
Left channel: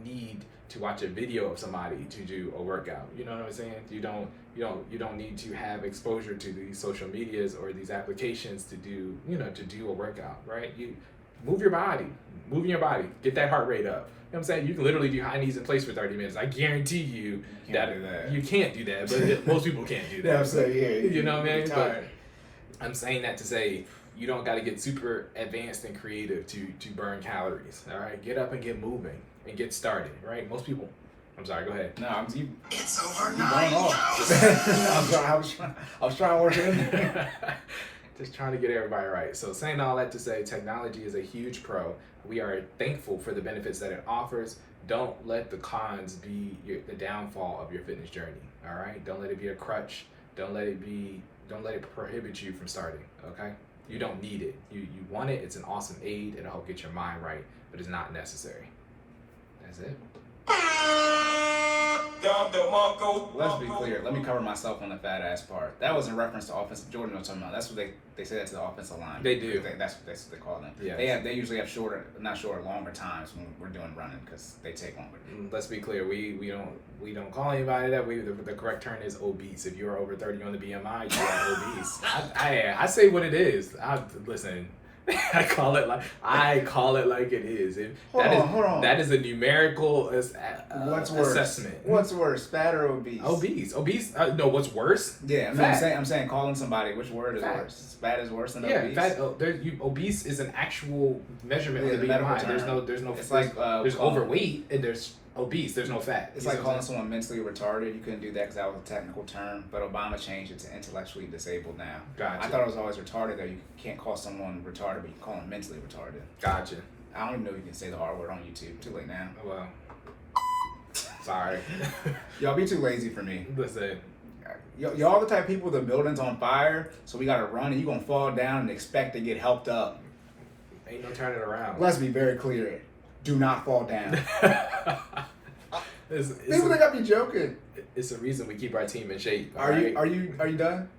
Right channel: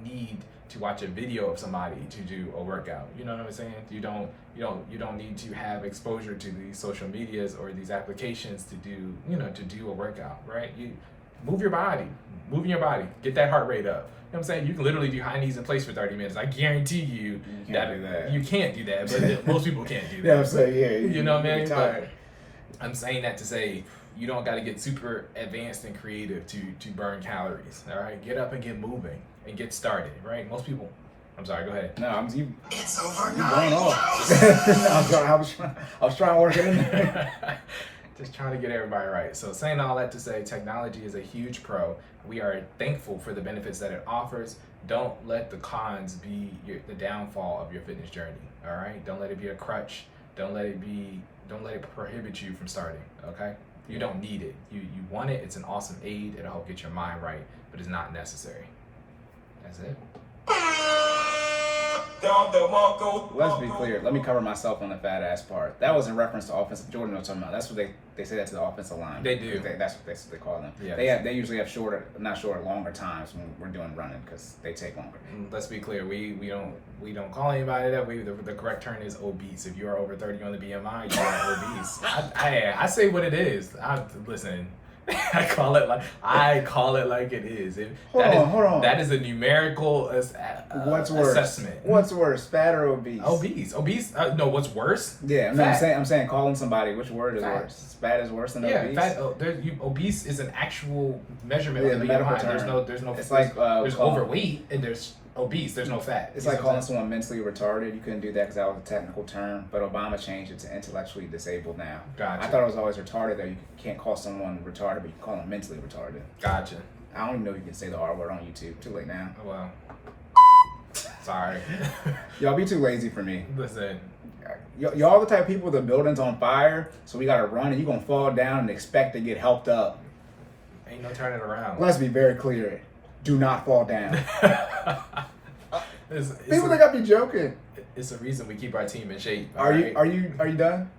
need to watch a video of somebody to do a workout. You know what I'm saying? You don't need to have exposure to these social medias or these applications to do a workout, right? You moving your body, get that heart rate up. You know what I'm saying? You can literally do high knees in place for 30 minutes. I guarantee you that you can't do that, but most people can't do that. Yeah, I'm saying, yeah. You know what I mean? But I'm saying that to say you don't got to get super advanced and creative to burn calories. All right, get up and get moving and get started. Right? Most people. I'm sorry. Go ahead. No, It's over going 9,000. off. I was trying to work it in. Just trying to get everybody right. So saying all that to say, technology is a huge pro. We are thankful for the benefits that it offers. Don't let the cons be the downfall of your fitness journey. All right. Don't let it be a crutch. Don't let it prohibit you from starting. Okay. You don't need it. You want it. It's an awesome aid. It'll help get your mind right, but it's not necessary. That's it. Let's be clear. Let me cover myself on the fat ass part. That was in reference to offensive. Jordan knows what I'm talking about. That's what they say that to the offensive line. They do. That's what they call them. Yeah. They usually have longer times when we're doing running because they take longer. Let's be clear. We don't call anybody that. The correct term is obese. If you are over 30 on the BMI, you are obese. I say what it is. Listen. I call it like it is. Hold on. That is a numerical What's worse? assessment. What's worse, fat or obese? Obese. No, what's worse? Yeah, no, I'm saying calling somebody. Which word is Fat. worse? Fat is worse than Yeah, obese. fat. Obese is an actual measurement of the medical BMI. term. There's no. It's like there's overweight and there's obese. There's no fat. It's like calling someone mentally retarded. You couldn't do that because that was a technical term. But Obama changed it to intellectually disabled now. Gotcha. I thought it was always retarded though. You can't call someone retarded, but you can call them mentally retarded. Gotcha. I don't even know if you can say the R word on YouTube. Too late now. Well, sorry. Y'all be too lazy for me. Listen. Y'all the type of people, the building's on fire, so we gotta run and you gonna fall down and expect to get helped up. Ain't no turning around. Let's be very clear. Do not fall down. It's People think I be joking. It's a reason we keep our team in shape. Are you done?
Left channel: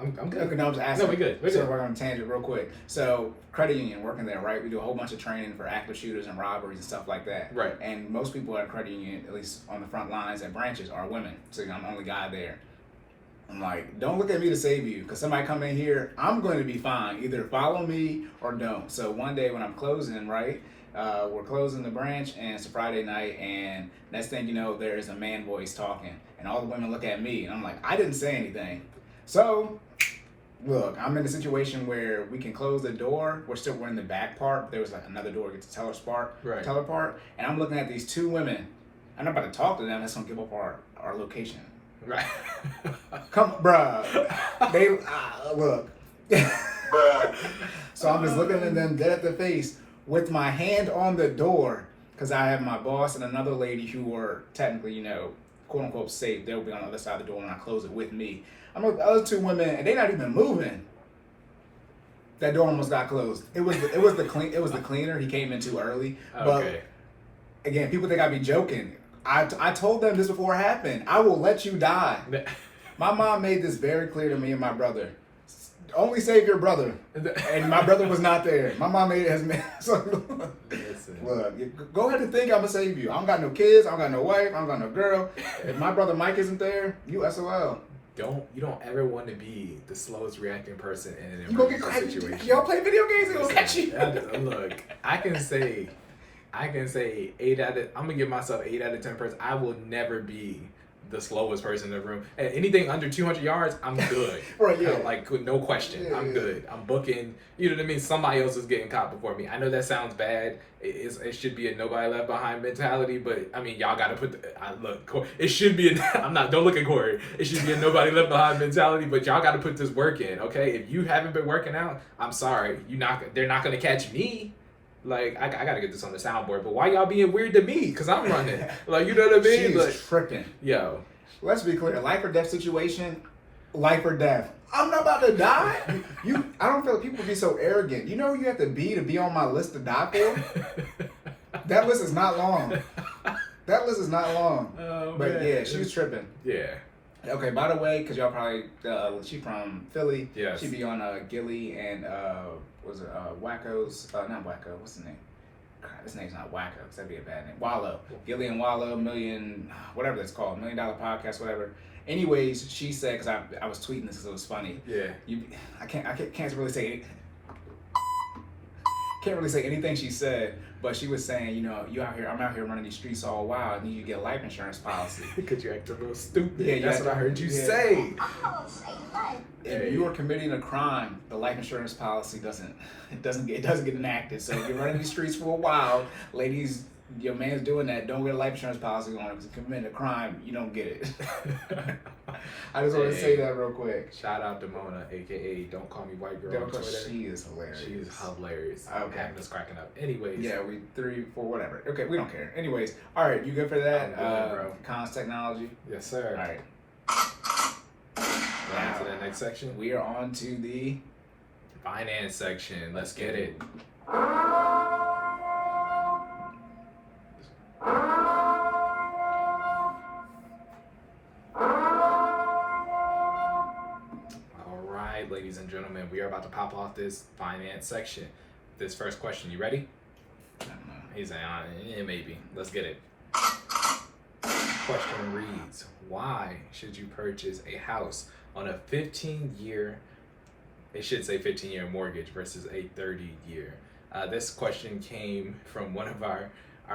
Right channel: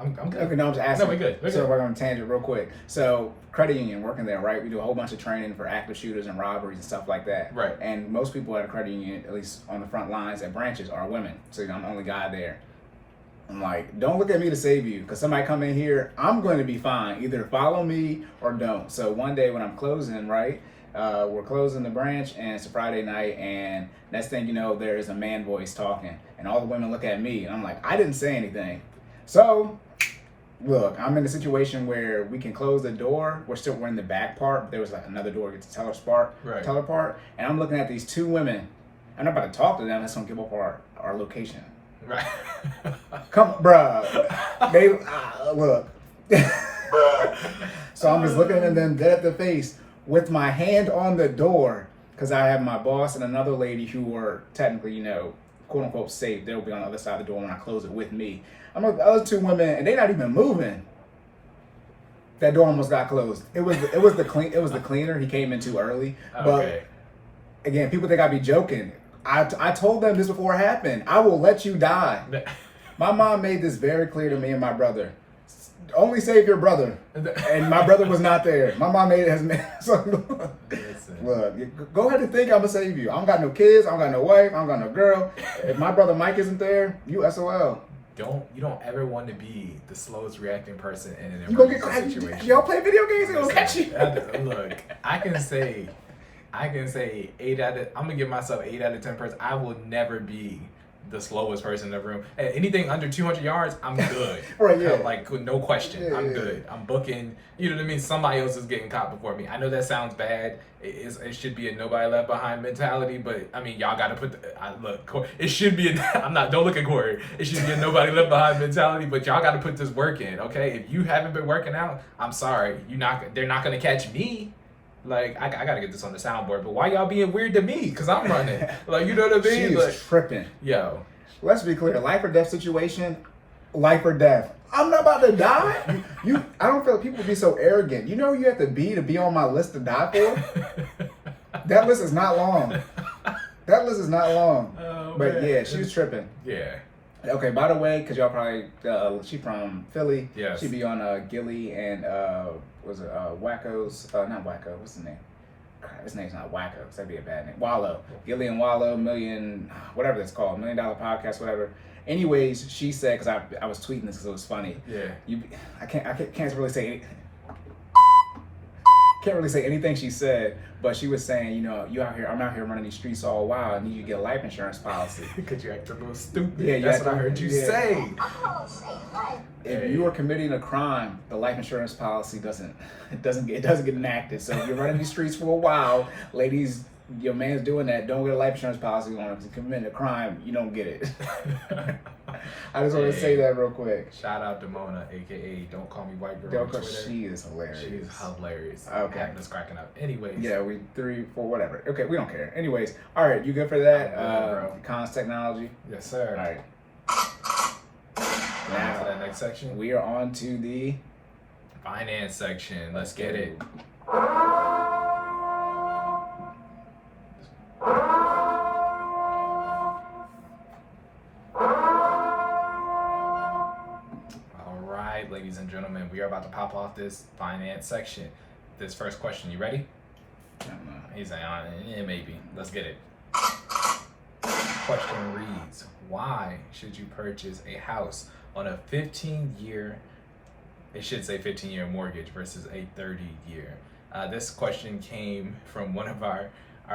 I'm good. Okay, no, I'm just asking. No, we're good. So we're on a tangent real quick. So credit union, working there, right? We do a whole bunch of training for active shooters and robberies and stuff like that. Right. And most people at a credit union, at least on the front lines at branches, are women. So I'm the only guy there. I'm like, don't look at me to save you, because somebody come in here, I'm going to be fine. Either follow me or don't. So one day when I'm closing, right, we're closing the branch, and it's a Friday night, and next thing you know, there is a man voice talking, and all the women look at me, and I'm like, I didn't say anything. So, look, I'm in a situation where we can close the door. We're in the back part, but there was like another door to get to teller part, and I'm looking at these two women. I'm not about to talk to them. That's gonna give up our location. Right. Come, bruh. They look. So I'm just looking at them dead at the face with my hand on the door, because I have my boss and another lady who are technically, quote unquote safe. They'll be on the other side of the door when I close it with me. I'm with the other two women, and they're not even moving. That door almost got closed. It was the cleaner. He came in too early. Okay. But again, people think I be joking. I told them this before it happened. I will let you die. My mom made this very clear to me and my brother. Only save your brother. And my brother was not there. My mom made it as so look, go ahead and think I'm gonna save you. I don't got no kids, I don't got no wife, I don't got no girl. If my brother Mike isn't there, you SOL. You don't ever want to be the slowest reacting person in an You gonna emergency get situation. Y'all play video games, it'll catch you. Look, I can say 8 out of. I'm gonna give myself 8 out of 10 person. I will never be the slowest person in the room. And anything under 200 yards, I'm good. Right, yeah. Like no question, Yeah, I'm good. I'm booking. You know what I mean? Somebody else is getting caught before me. I know that sounds bad. It should be a nobody left behind mentality, but I mean, y'all got to put. Look, it should be. Don't look at Corey. It should be a nobody left behind mentality, but y'all got to put this work in, okay? If you haven't been working out, I'm sorry. They're not gonna catch me. Like, I gotta get this on the soundboard, but why y'all being weird to me? Because I'm running. Like, you know what I mean? She's like, tripping. Yo. Let's be clear, life or death situation, life or death. I'm not about to die. I don't feel like people be so arrogant. You know who you have to be on my list to die for? That list is not long. Oh, but man. yeah, she was tripping. Yeah. Okay, by the way, because y'all probably, she from Philly. Yes. She be on Gilly and, Wacko's, not Wacko, what's the name? His name's not Wacko, because that'd be a bad name. Wallow. Gilly and Wallow, whatever that's called, $1 Million Podcast, whatever. Anyways, she said, because I was tweeting this because it was funny. Yeah. I can't really say anything she said, but she was saying, you out here, I'm out here running these streets all wild. I need you to get a life insurance policy. Because you act a little stupid. Yeah, that's what I heard you say. If you are committing a crime, the life insurance policy doesn't get enacted. So if you're running these streets for a while, ladies, your man's doing that, don't get a life insurance policy on him. If you commit a crime, you don't get it. I just want to say that real quick. Shout out to Mona, aka Don't Call Me White Girl on Twitter. She is hilarious. She is hilarious. Okay. Having us cracking up. Anyways. Yeah, 3, 4, whatever. Okay, we don't care. Anyways, all right, you good for that? I'm good, bro. Cons technology. Yes, sir. All right. Going on to that next section. We are on to the finance section. Let's get it. right, ladies and gentlemen, we are about to pop off this finance section. This first question, you ready? I don't know. He's saying, yeah, maybe. Let's get it. Question reads, why should you purchase a house on a 15-year, it should say 15-year mortgage versus a 30-year? This question came from one of our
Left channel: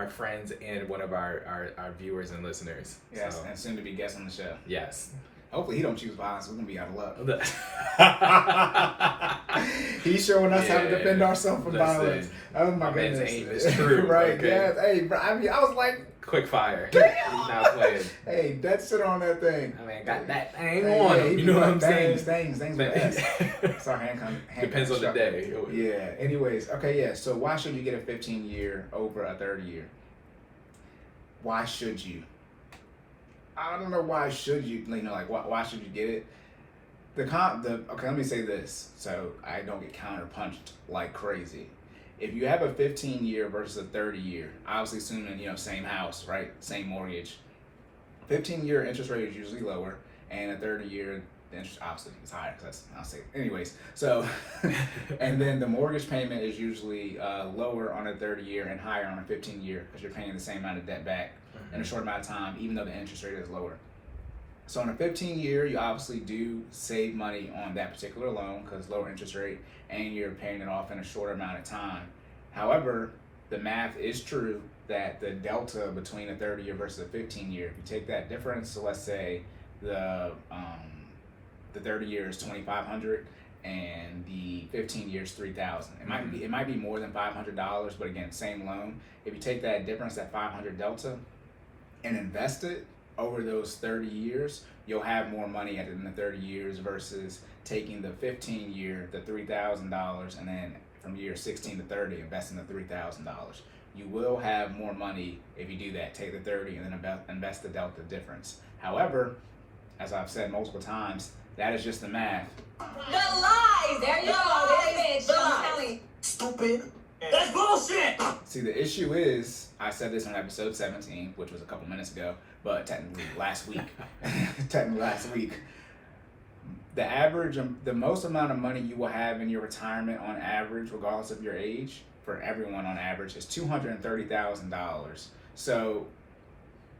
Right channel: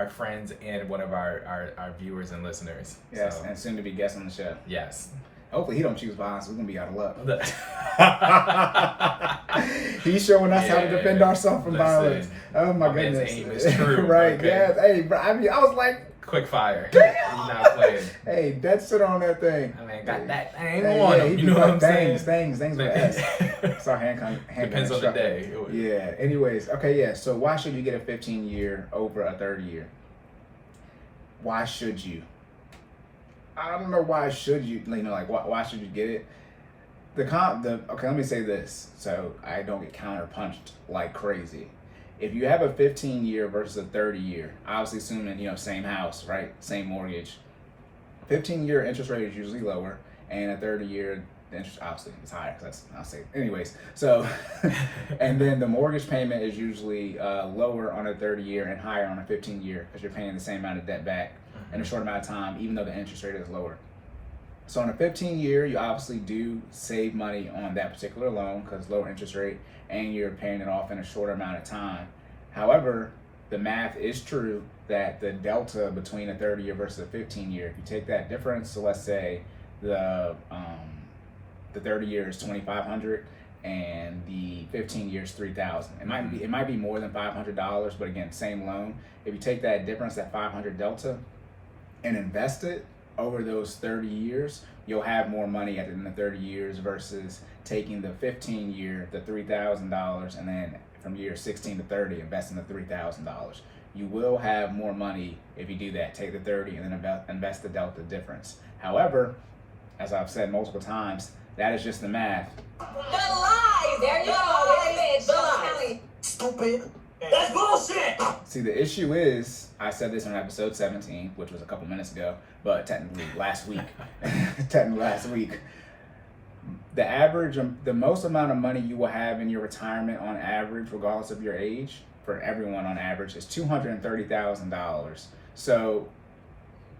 friends and one of our viewers and listeners. Yes, So, and soon to be guest on the show. yes. Hopefully he don't choose violence. We're gonna be out of luck. Listen, He's showing us how to defend ourselves from violence. Oh my man's goodness. aim is true. Right, okay? yes. Hey, bro, I mean, I was like, Quick fire. He's not playing. hey, that shit on that thing. I mean, got that thing Hey, on yeah, him. he You know what I'm bangs, saying? Things with S. Sorry, hand Depends on the day. Yeah. Anyways, okay, yeah. So why should you get a 15-year over a 30-year? Why should you? I don't know why should you. You know, like why should you get it? Okay, let me say this so I don't get counterpunched like crazy. If you have a 15-year versus a 30-year, obviously assuming, you know, same house, right? Same mortgage. 15-year interest rate is usually lower, and a 30-year interest obviously is higher because I'll say anyways. So, and then the mortgage payment is usually lower on a 30-year and higher on a 15-year because you're paying the same amount of debt back in a short amount of time, even though the interest rate is lower. So on a 15-year, you obviously do save money on that particular loan because lower interest rate, and you're paying it off in a shorter amount of time. However, the math is true that the delta between a 30-year versus a 15-year, if you take that difference, so let's say the 30-year is $2,500 and the 15-year is $3,000. It might be more than $500, but again, same loan. If you take that difference, that $500 delta, and invest it over those 30 years, you'll have more money at the end of 30 years versus taking the 15-year, the $3,000, and then from year 16 to 30, investing the $3,000. You will have more money if you do that. Take the 30 and then invest the delta difference. However, as I've said multiple times, that is just the math. The lies. There you go. Bitch. The lies. Stupid. That's bullshit. See, the issue is, I said this on episode 17, which was a couple minutes ago, but technically last week. The most amount of money you will have in your retirement on average, regardless of your age, for everyone on average, is $230,000. So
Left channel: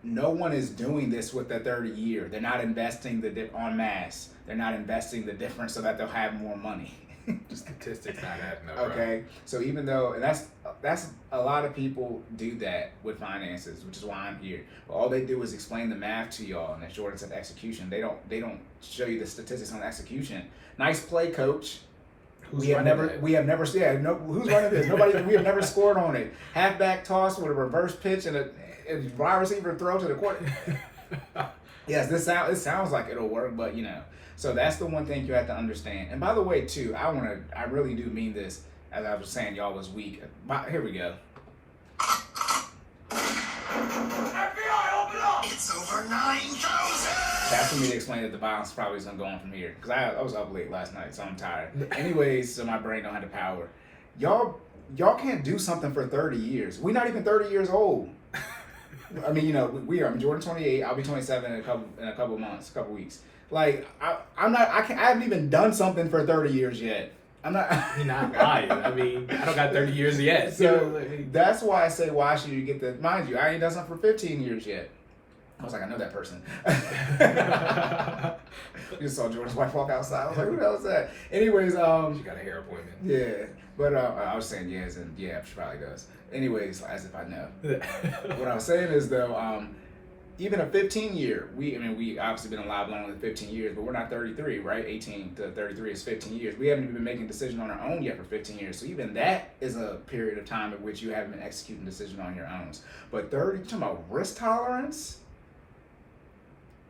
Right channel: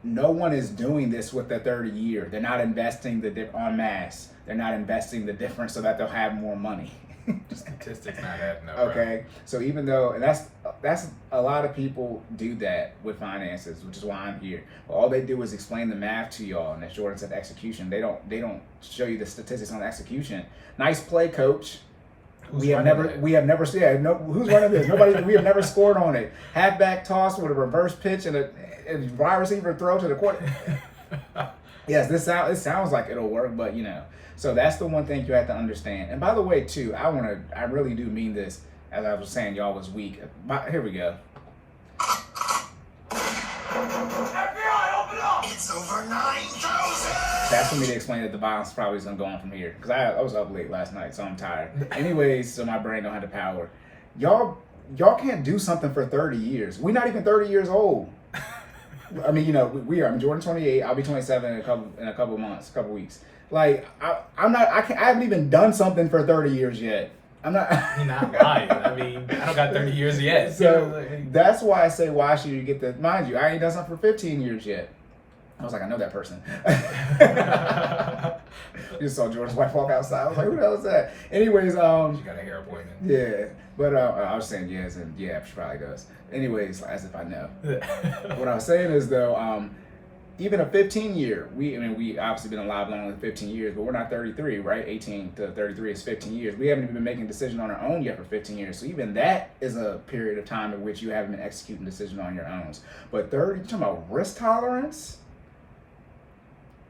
no one is doing this with the 30-year. They're not investing en masse. They're not investing the difference so that they'll have more money. Statistics not adding up, bro. Okay, so even though, and that's a lot of people do that with finances, which is why I'm here. But all they do is explain the math to y'all, and the shortness of execution. They don't show you the statistics on execution. Nice play, coach. Who's running that? We have never seen. No, who's running this? Nobody. We have never scored on it. Halfback toss with a reverse pitch and a wide receiver throw to the quarter. Yes, it sounds like it'll work, but you know. So that's the one thing you have to understand. And by the way, too, I really do mean this. As I was saying, y'all was weak. Here we go. FBI, open up! It's over 9,000! That's for me to explain that the violence probably is going to go on from here. Because I was up late last night, so I'm tired. Anyways, so my brain don't have the power. Y'all can't do something for 30 years. We're not even 30 years old. I mean, you know, we are. I'm Jordan 28. I'll be 27 in a couple months, couple weeks. Like I haven't even done something for 30 years yet. I'm not. You're not lying. I mean, I don't got 30 years yet. So that's why I say, why should you get the? Mind you, I ain't done something for 15 years yet. I was like, I know that person. You saw Jordan's wife walk outside. I was like, who the hell is that? Anyways, She got a hair appointment. yeah, but I was saying yes, and yeah, she probably does. Anyways, as if I know. What I was saying is though, even a 15-year, we obviously been alive longer than 15 years, but we're not 33, right? 18 to 33 is 15 years. We haven't even been making decisions on our own yet for 15 years. So even that is a period of time in which you haven't been executing decisions on your own. But 30, you talking about risk tolerance?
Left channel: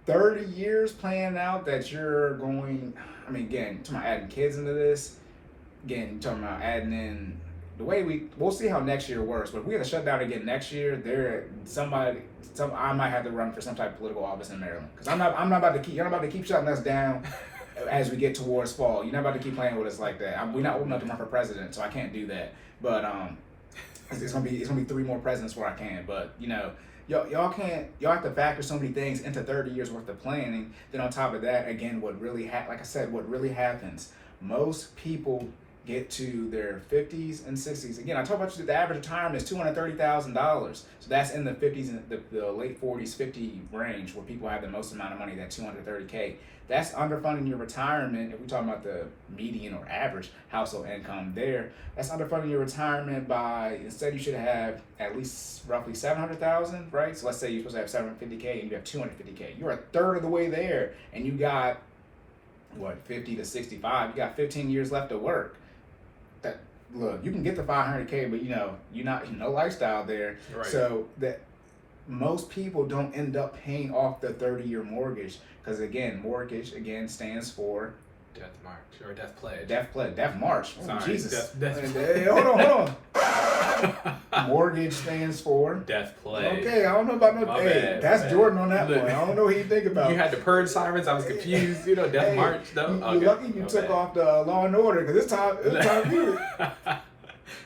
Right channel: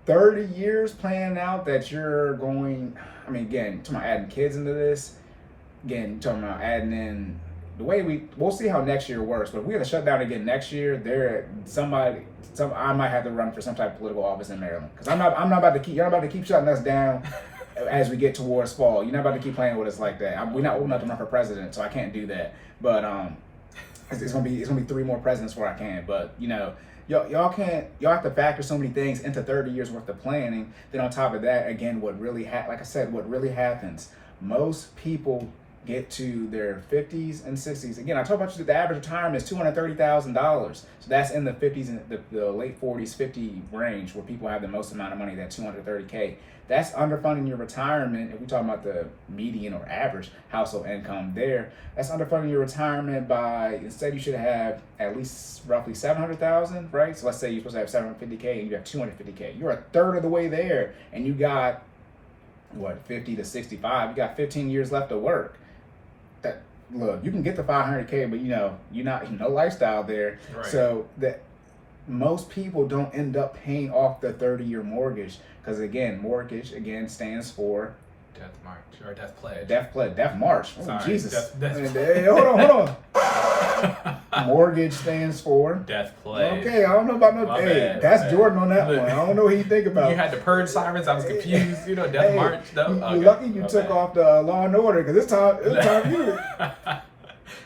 30 years planning out that you're going, I mean, again, talking about adding kids into this. Again, talking about adding in the way we'll see how next year works, but if we're gonna shut down again next year, I might have to run for some type of political office in Maryland because you're not about to keep shutting us down as we get towards fall. You're not about to keep playing with us like that. We're not old enough to run for president, so I can't do that. But it's gonna be 3 more presidents where I can. But you know, y'all have to factor so many things into 30 years worth of planning. Then on top of that, again, what really happens most people get to their 50s and 60s. Again, I talk about the average retirement is $230,000. So that's in the 50s and the late 40s, 50 range where people have the most amount of money, that 230K. That's underfunding your retirement. If we're talking about the median or average household income there, that's underfunding your retirement by, instead you should have at least roughly 700,000, right? So let's say you're supposed to have 750K and you have 250K. You're a third of the way there, and you got, 50 to 65, you got 15 years left to work. That, look, you can get the 500K, but you're not, no lifestyle there. Right. So that most people don't end up paying off the 30-year mortgage, because again, mortgage stands for Death march or death pledge. Death march. Oh, Sorry, Jesus. death Hey, hold on. Mortgage stands for death pledge. Okay, I don't know about no. My Hey, bad, that's my bad. Jordan on that Look, one. I don't know what he think about. You had the purge sirens. I was confused. Death Hey, march though. You Okay, lucky you my took bad. off the Law and Order, because it's time you.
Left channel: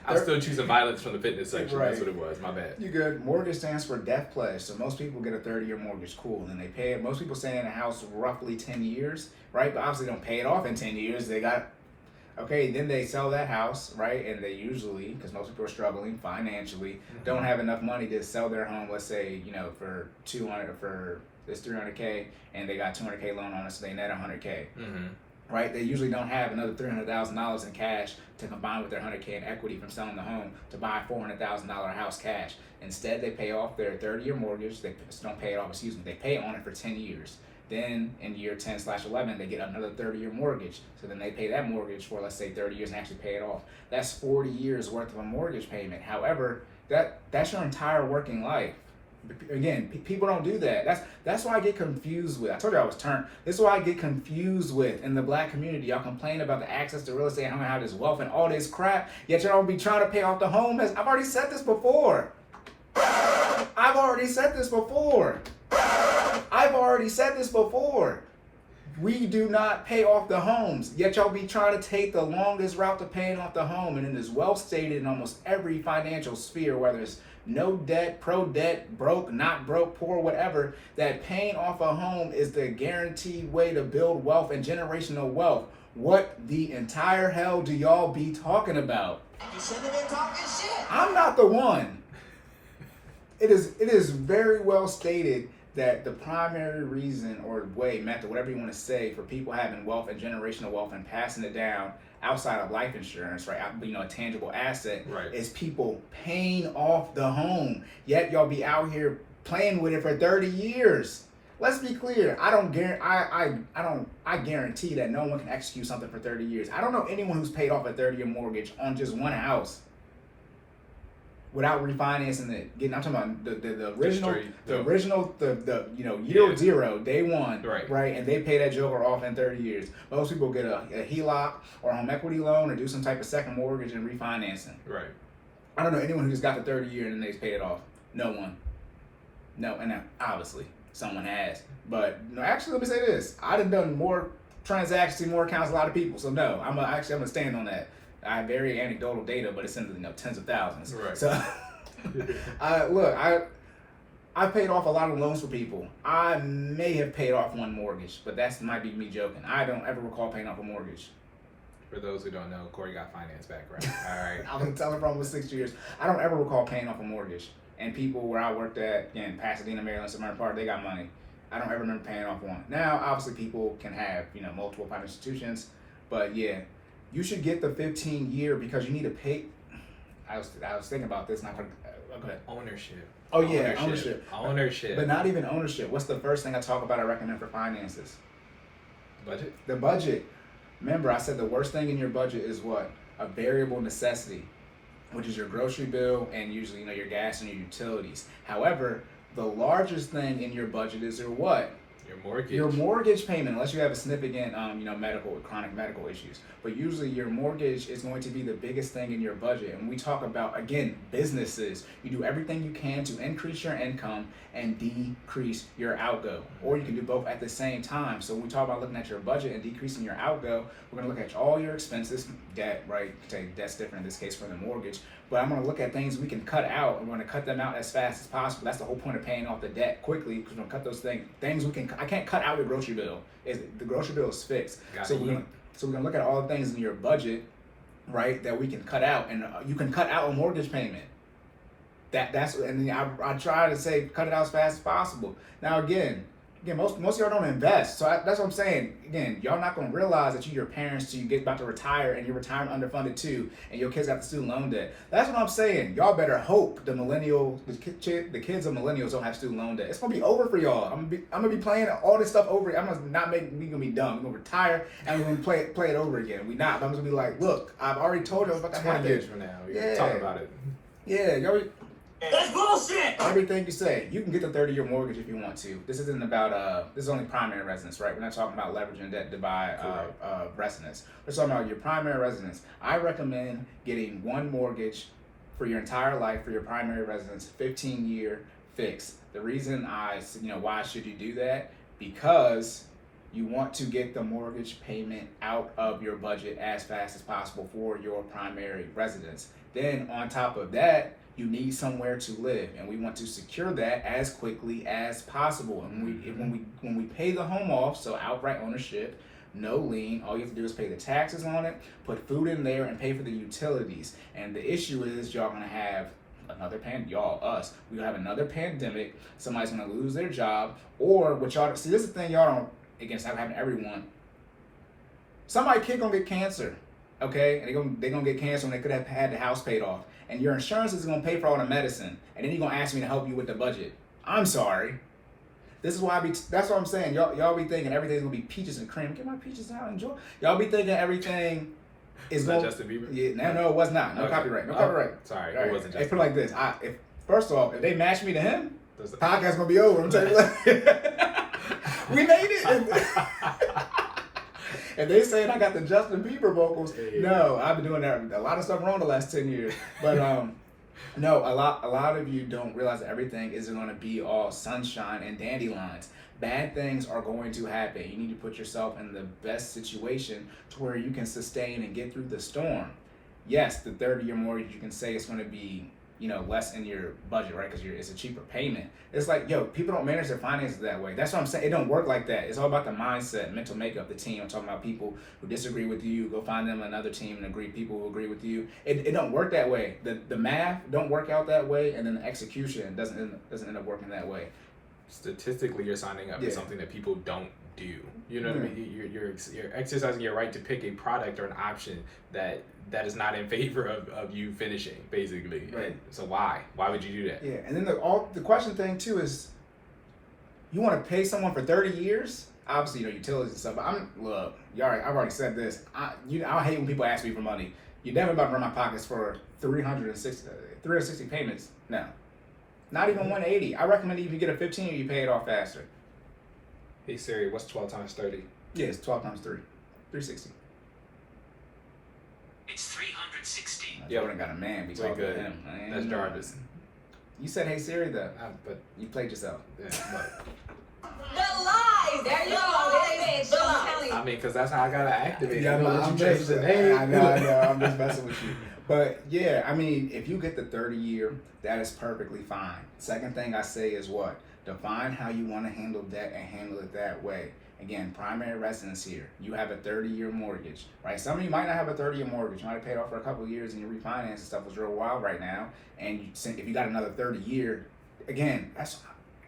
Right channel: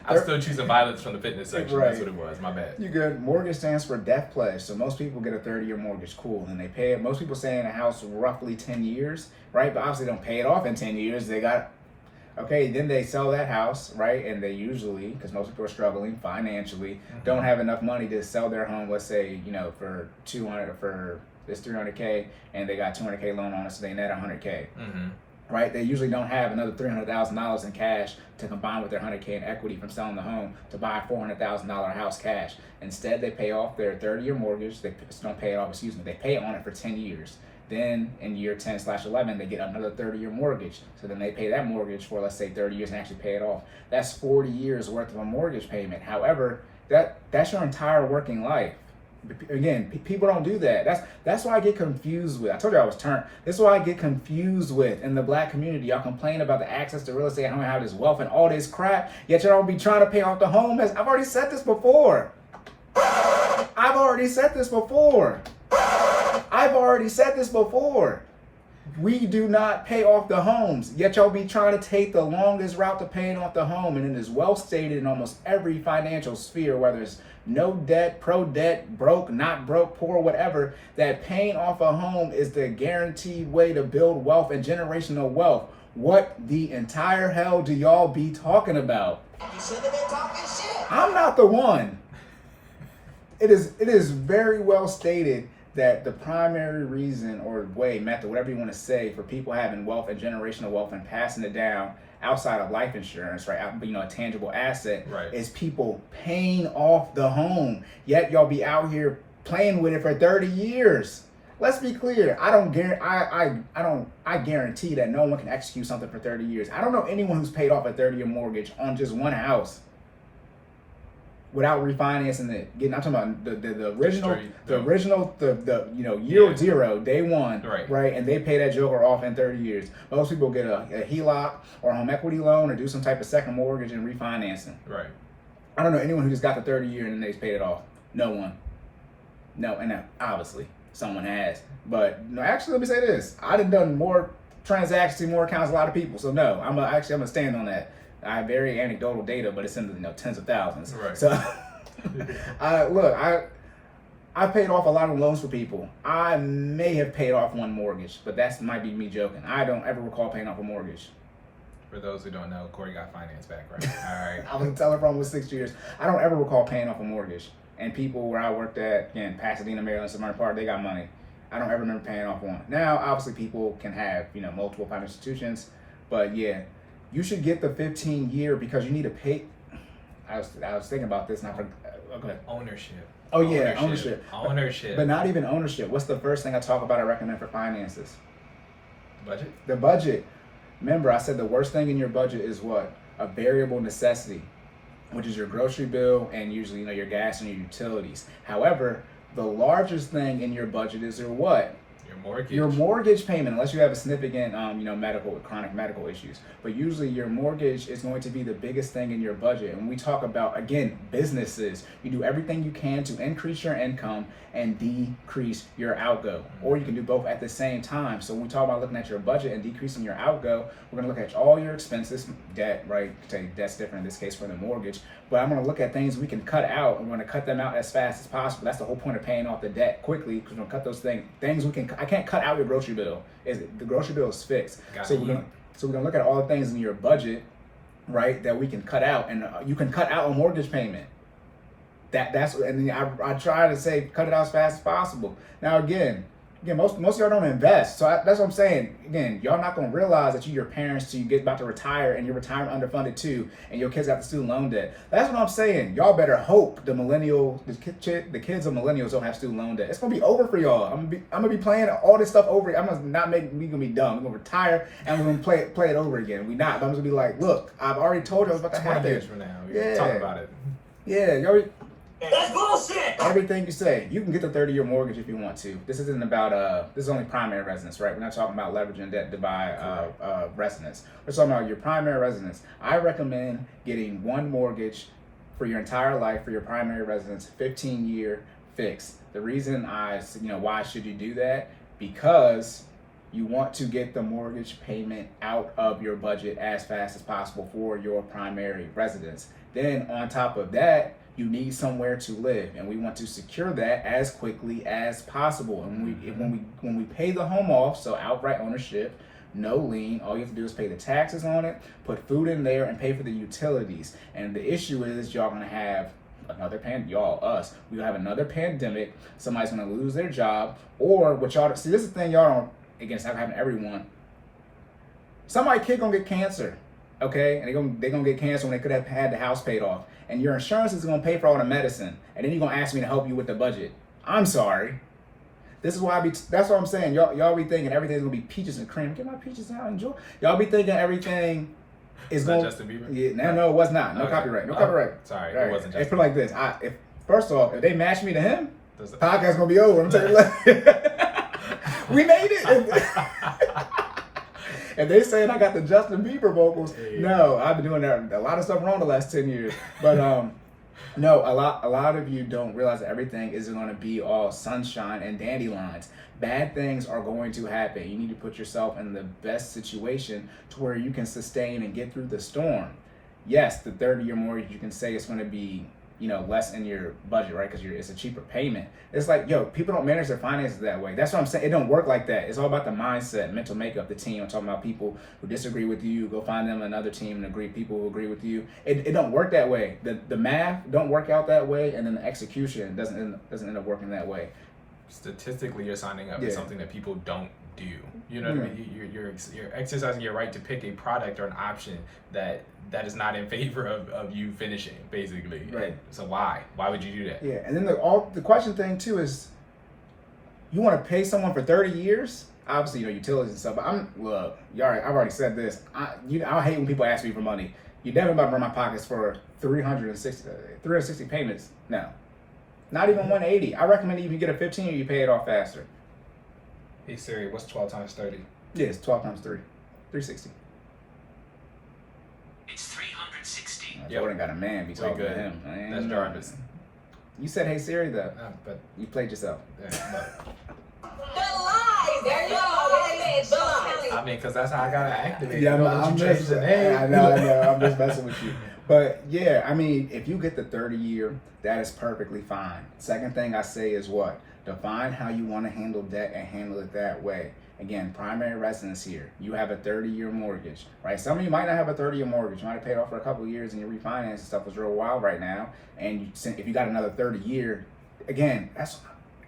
I'm still choosing violence from the fitness section. Right. That's what it was. My bad. You good. Mortgage stands for death pledge. So most people get a 30-year mortgage. Cool. And they pay it. Most people stay in a house roughly 10 years, right? But obviously don't pay it off in 10 years. They got, okay, then they sell that house, right? And they usually, because most people are struggling financially, don't have enough money to sell their home, let's say, for 200, for this 300K, and they got 200K loan on it, so they net 100K. Right? They usually don't have another $300,000 in cash to combine with their 100K in equity from selling the home to buy a $400,000 house cash. Instead, they pay off their 30-year mortgage. They don't pay it off, they pay on it for 10 years. Then in year 10/11, they get another 30-year mortgage. So then they pay that mortgage for, let's say, 30 years and actually pay it off. That's 40 years worth of a mortgage payment. However, that's your entire working life. Again, people don't do that. That's why I get confused with. I told you I was turned. This is why I get confused with in the black community. Y'all complain about the access to real estate and how this wealth and all this crap. Yet y'all don't be trying to pay off the home. I've already said this before. We do not pay off the homes, yet y'all be trying to take the longest route to paying off the home. And it is well stated in almost every financial sphere, whether it's no debt, pro debt, broke, not broke, poor, whatever, that paying off a home is the guaranteed way to build wealth and generational wealth. What the entire hell do y'all be talking about? You shouldn't have been talking shit. I'm not the one. It is very well stated that the primary reason or way, method, whatever you want to say, for people having wealth and generational wealth and passing it down outside of life insurance, right, a tangible asset, right, is people paying off the home. Yet y'all be out here playing with it for 30 years. Let's be clear. I guarantee that no one can execute something for 30 years. I don't know anyone who's paid off a 30-year mortgage on just one house without refinancing it. I'm talking about the original, year zero, day one, right? And they pay that joker off in 30 years. Most people get a HELOC or a home equity loan or do some type of second mortgage and refinancing. Right. I don't know anyone who just got the 30-year and then they paid it off. No one. No, and obviously someone has. But no, actually, let me say this: I done more transactions, more accounts, than a lot of people. So no, I'm gonna stand on that. I have very anecdotal data, but it's in the tens of thousands. Right. So, I paid off a lot of loans for people. I may have paid off one mortgage, but that might be me joking. I don't ever recall paying off a mortgage. For those who don't know, Cory got finance background. All right. I was telling for almost 6 years. I don't ever recall paying off a mortgage. And people where I worked at in Pasadena, Maryland, Suburban Park, they got money. I don't ever remember paying off one. Now, obviously, people can have multiple financial institutions, but yeah. You should get the 15-year because you need to pay. I was thinking about this and I forgot. Okay. Ownership. Oh yeah, ownership. Ownership. But not even ownership. What's the first thing I talk about? I recommend for finances. Budget. The budget. Remember, I said the worst thing in your budget is what? A variable necessity, which is your grocery bill and usually your gas and your utilities. However, the largest thing in your budget is your what? Your mortgage. Your mortgage payment, unless you have a significant, chronic medical issues. But usually your mortgage is going to be the biggest thing in your budget. And when we talk about, again, businesses, you do everything you can to increase your income and decrease your outgo. Or you can do both at the same time. So when we talk about looking at your budget and decreasing your outgo, we're going to look at all your expenses, debt, right? Debt's different in this case for the mortgage. But I'm going to look at things we can cut out, and we're going to cut them out as fast as possible. That's the whole point of paying off the debt quickly, because we're going to cut those things we can. I can't cut out your grocery bill. The grocery bill is fixed. So we're gonna look at all the things in your budget, right, that we can cut out, and you can cut out a mortgage payment. And I try to say cut it out as fast as possible. Now again, most of y'all don't invest, so that's what I'm saying. Again, y'all not gonna realize that your parents till you get about to retire and your retirement underfunded too, and your kids got the student loan debt. That's what I'm saying. Y'all better hope the kids of millennials don't have student loan debt. It's gonna be over for y'all. I'm gonna be playing all this stuff over. I'm gonna not make we gonna be dumb. We're gonna retire and we're gonna play it over again. We not. I'm gonna be like, look, I've already told you I was about to 20 happen. years from now, we're gonna talk about it. Yeah, y'all. That's bullshit. Everything you say, you can get the 30-year mortgage if you want to. This isn't about this is only primary residence, right? We're not talking about leveraging debt to buy residence. We're talking about your primary residence. I recommend getting one mortgage for your entire life for your primary residence, 15-year fixed. The reason why should you do that? Because you want to get the mortgage payment out of your budget as fast as possible for your primary residence. Then on top of that, you need somewhere to live, and we want to secure that as quickly as possible. And when we pay the home off, so outright ownership, no lien, all you have to do is pay the taxes on it, put food in there, and pay for the utilities. And the issue is y'all gonna have another we'll have another pandemic. Somebody's gonna lose their job, or what y'all see. This is the thing y'all don't. Again, it's not happening to everyone. Somebody's kid gonna get cancer, okay, and they're gonna get cancer when they could have had the house paid off. And your insurance is gonna pay for all the medicine, and then you're gonna ask me to help you with the budget. I'm sorry. This is why that's what I'm saying. Y'all be thinking everything's gonna be peaches and cream. Get my peaches out, enjoy. Y'all be thinking everything is that going. Justin Bieber? Yeah, no, it was not. No copyright. No copyright. Sorry, right. It wasn't It's Justin. put like this. First off, if they match me to him, the podcast gonna be over. I'm telling you. We made it. And they saying I got the Justin Bieber vocals. Yeah. No, I've been doing a lot of stuff wrong the last 10 years. But no, a lot of you don't realize that everything isn't going to be all sunshine and dandelions. Bad things are going to happen. You need to put yourself in the best situation to where you can sustain and get through the storm. Yes, the 30-year mortgage, you can say it's going to be less in your budget, right? Because it's a cheaper payment. It's like, people don't manage their finances that way. That's what I'm saying. It don't work like that. It's all about the mindset, mental makeup, the team. I'm talking about people who disagree with you. Go find them another team and people who agree with you. It don't work that way. The math don't work out that way, and then the execution doesn't end up working that way. Statistically, you're signing up for something that people don't do. You know what I mean? You're exercising your right to pick a product or an option that is not in favor of you finishing, basically. Right. So why would you do that? Yeah, and then the question thing too is, you want to pay someone for 30 years? Obviously, utilities and stuff. But I've already said this. I hate when people ask me for money. You definitely about to run my pockets for 360 payments. No, not even 180. I recommend if you get a 15-year, you pay it off faster. Hey Siri, what's 12 times 30? Yeah, it's 12 times 3, 360. It's 360. Jordan got a man. We talking to him. Man. That's Jarvis. You said, "Hey Siri," though. But You played yourself. but The lies. There you go. It is the lies. I mean, because that's how I gotta activate. Yeah, I'm just hey. I know. I'm just messing with you. But yeah, I mean, if you get the 30-year, that is perfectly fine. Second thing I say is what? Define how you want to handle debt and handle it that way. Again, primary residence here. You have a 30-year mortgage, right? Some of you might not have a 30-year mortgage. You might have paid off for a couple of years and your refinance and stuff was real wild right now. And if you got another 30-year, again, it's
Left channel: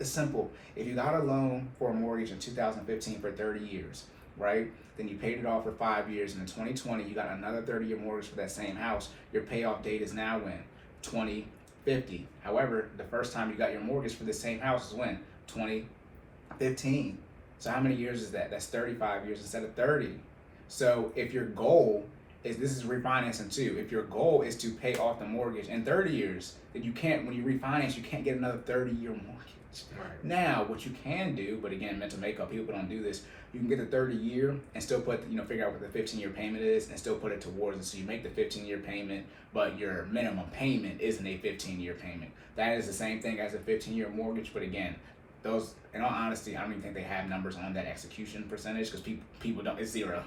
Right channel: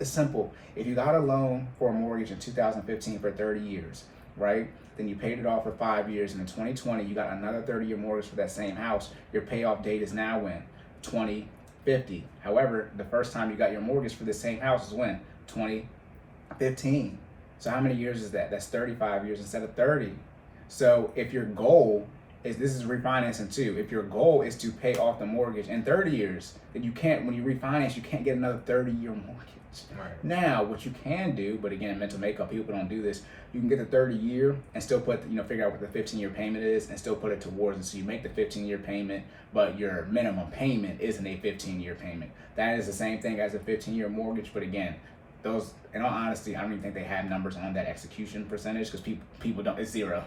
simple. If you got a loan for a mortgage in 2015 for 30 years, right? Then you paid it off for 5 years. And in 2020, you got another 30-year mortgage for that same house. Your payoff date is now when? 2050. However, the first time you got your mortgage for the same house is when? 2015. So how many years is that? That's 35 years instead of 30. So if your goal is, this is refinancing too, if your goal is to pay off the mortgage in 30 years, then you can't, when you refinance, you can't get another 30-year mortgage. Right. Now, what you can do, but again, mental makeup, people don't do this, you can get the 30-year and still put, figure out what the 15-year payment is and still put it towards it. So you make the 15-year payment, but your minimum payment isn't a 15-year payment. That is the same thing as a 15-year mortgage, but again, those, in all honesty, I don't even think they have numbers on that execution percentage because people don't, it's zero.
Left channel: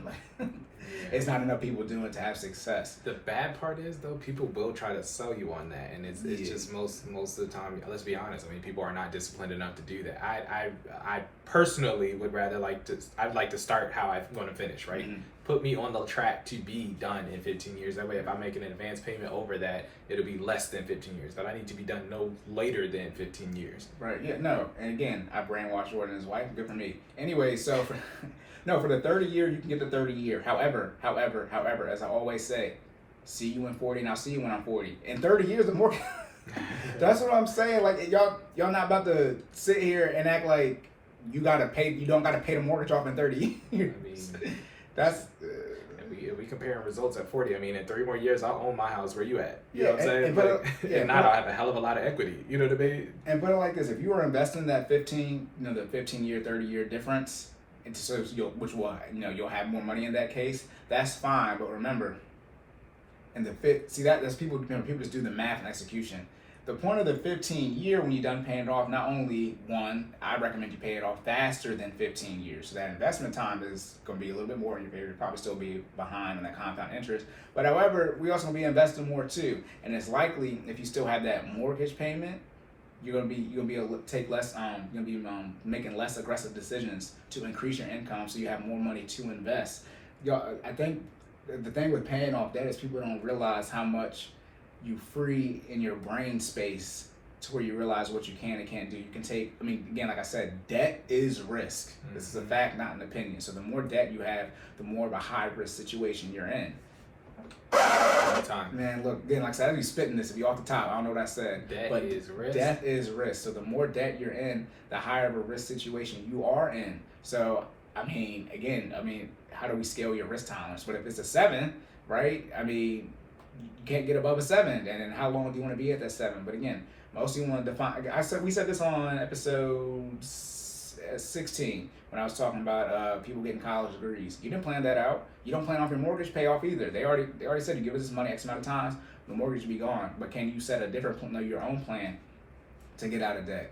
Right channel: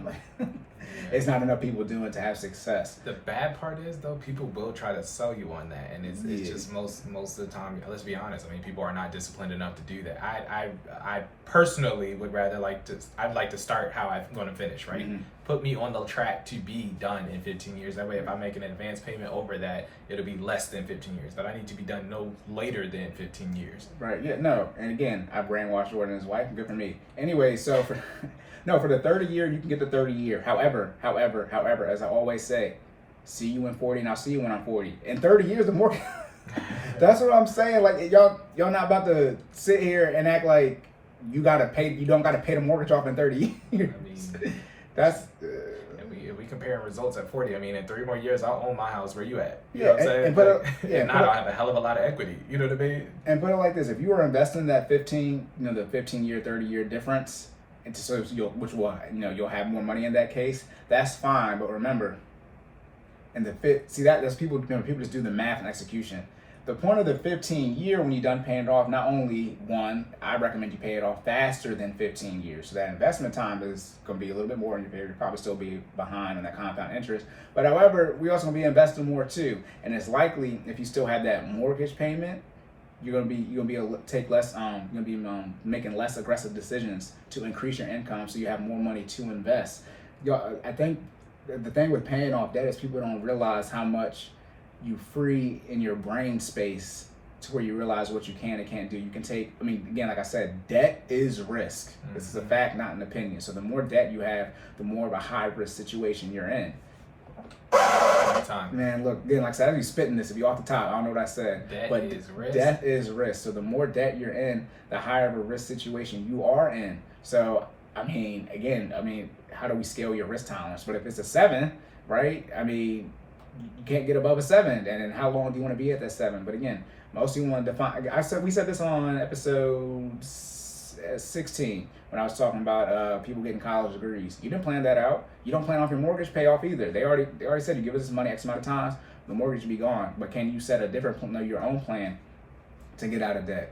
It's not enough people doing it to have success. The bad part is though, people will try to sell you on that, and it's just most of the time. Let's be honest. I mean, people are not disciplined enough to do that. I personally would rather I'd like to start how I'm going to finish. Right, put me on the track to be done in 15 years. That way, if I make an advance payment over that, it'll be less than 15 years. But I need to be done no later than 15 years. Right. Yeah. No. And again, I brainwashed Jordan and his wife. Good for me. Anyway, so for for the 30 year, you can get the 30 year. However, as I always say, see you in 40 and I'll see you when I'm 40. In 30 years, the more. That's what I'm saying. Like y'all not about to sit here and act like you don't gotta pay the mortgage off in 30 years. I mean, that's. If we comparing results at 40, I mean, in 3 more years, I'll own my house. Where you at? You Yeah, know what I'm saying? and now I'll have a hell of a lot of equity. You know what I mean? And put it like this: if you were investing that 15, the 15 year, 30 year difference, into you'll have more money in that case. That's fine, but remember, that's people. People just do the math and execution. The point of the 15 year, when you're done paying it off, not only I recommend you pay it off faster than 15 years. So that investment time is going to be a little bit more in your period. You'll probably still be behind on that compound interest. But however, we also going to be investing more too. And it's likely if you still have that mortgage payment, you're going to be able to take less. You're going to be making less aggressive decisions to increase your income, so you have more money to invest. I think the thing with paying off debt is people don't realize how much you free in your brain space to where you realize what you can and can't do. You can take, again, like I said, debt is risk. This is a fact, not an opinion. So the more debt you have, the more of a high risk situation you're in. All the time. Man, look, again, like I said, I'd be spitting this if you off the top. I don't know what I said. Debt is risk. Debt is risk. So the more debt you're in, the higher of a risk situation you are in. So, how do we scale your risk tolerance? But if it's a 7, right? You can't get above a 7, and then how long do you want to be at that 7? But again, most of you want to define. We said this on episode 16 when I was talking about people getting college degrees. You didn't plan that out. You don't plan off your mortgage payoff either. They already said you give us this money X amount of times, the mortgage will be gone. But can you set a different your own plan to get out of debt?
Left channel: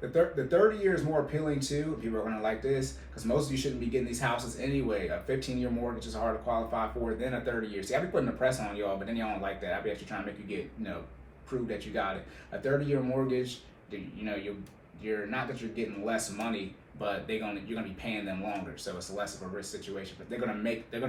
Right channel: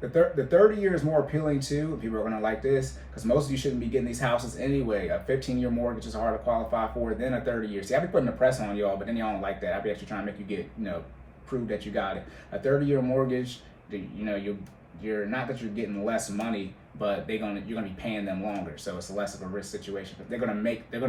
The 30 year is more appealing too. People are going to like this because most of you shouldn't be getting these houses anyway. A 15-year mortgage is hard to qualify for than a 30 year. See, I be putting the press on y'all, but then y'all don't like that. I be actually trying to make you get, prove that you got it. A 30-year mortgage, you're not that you're getting less money, but you're gonna be paying them longer, so it's less of a risk situation. But they're gonna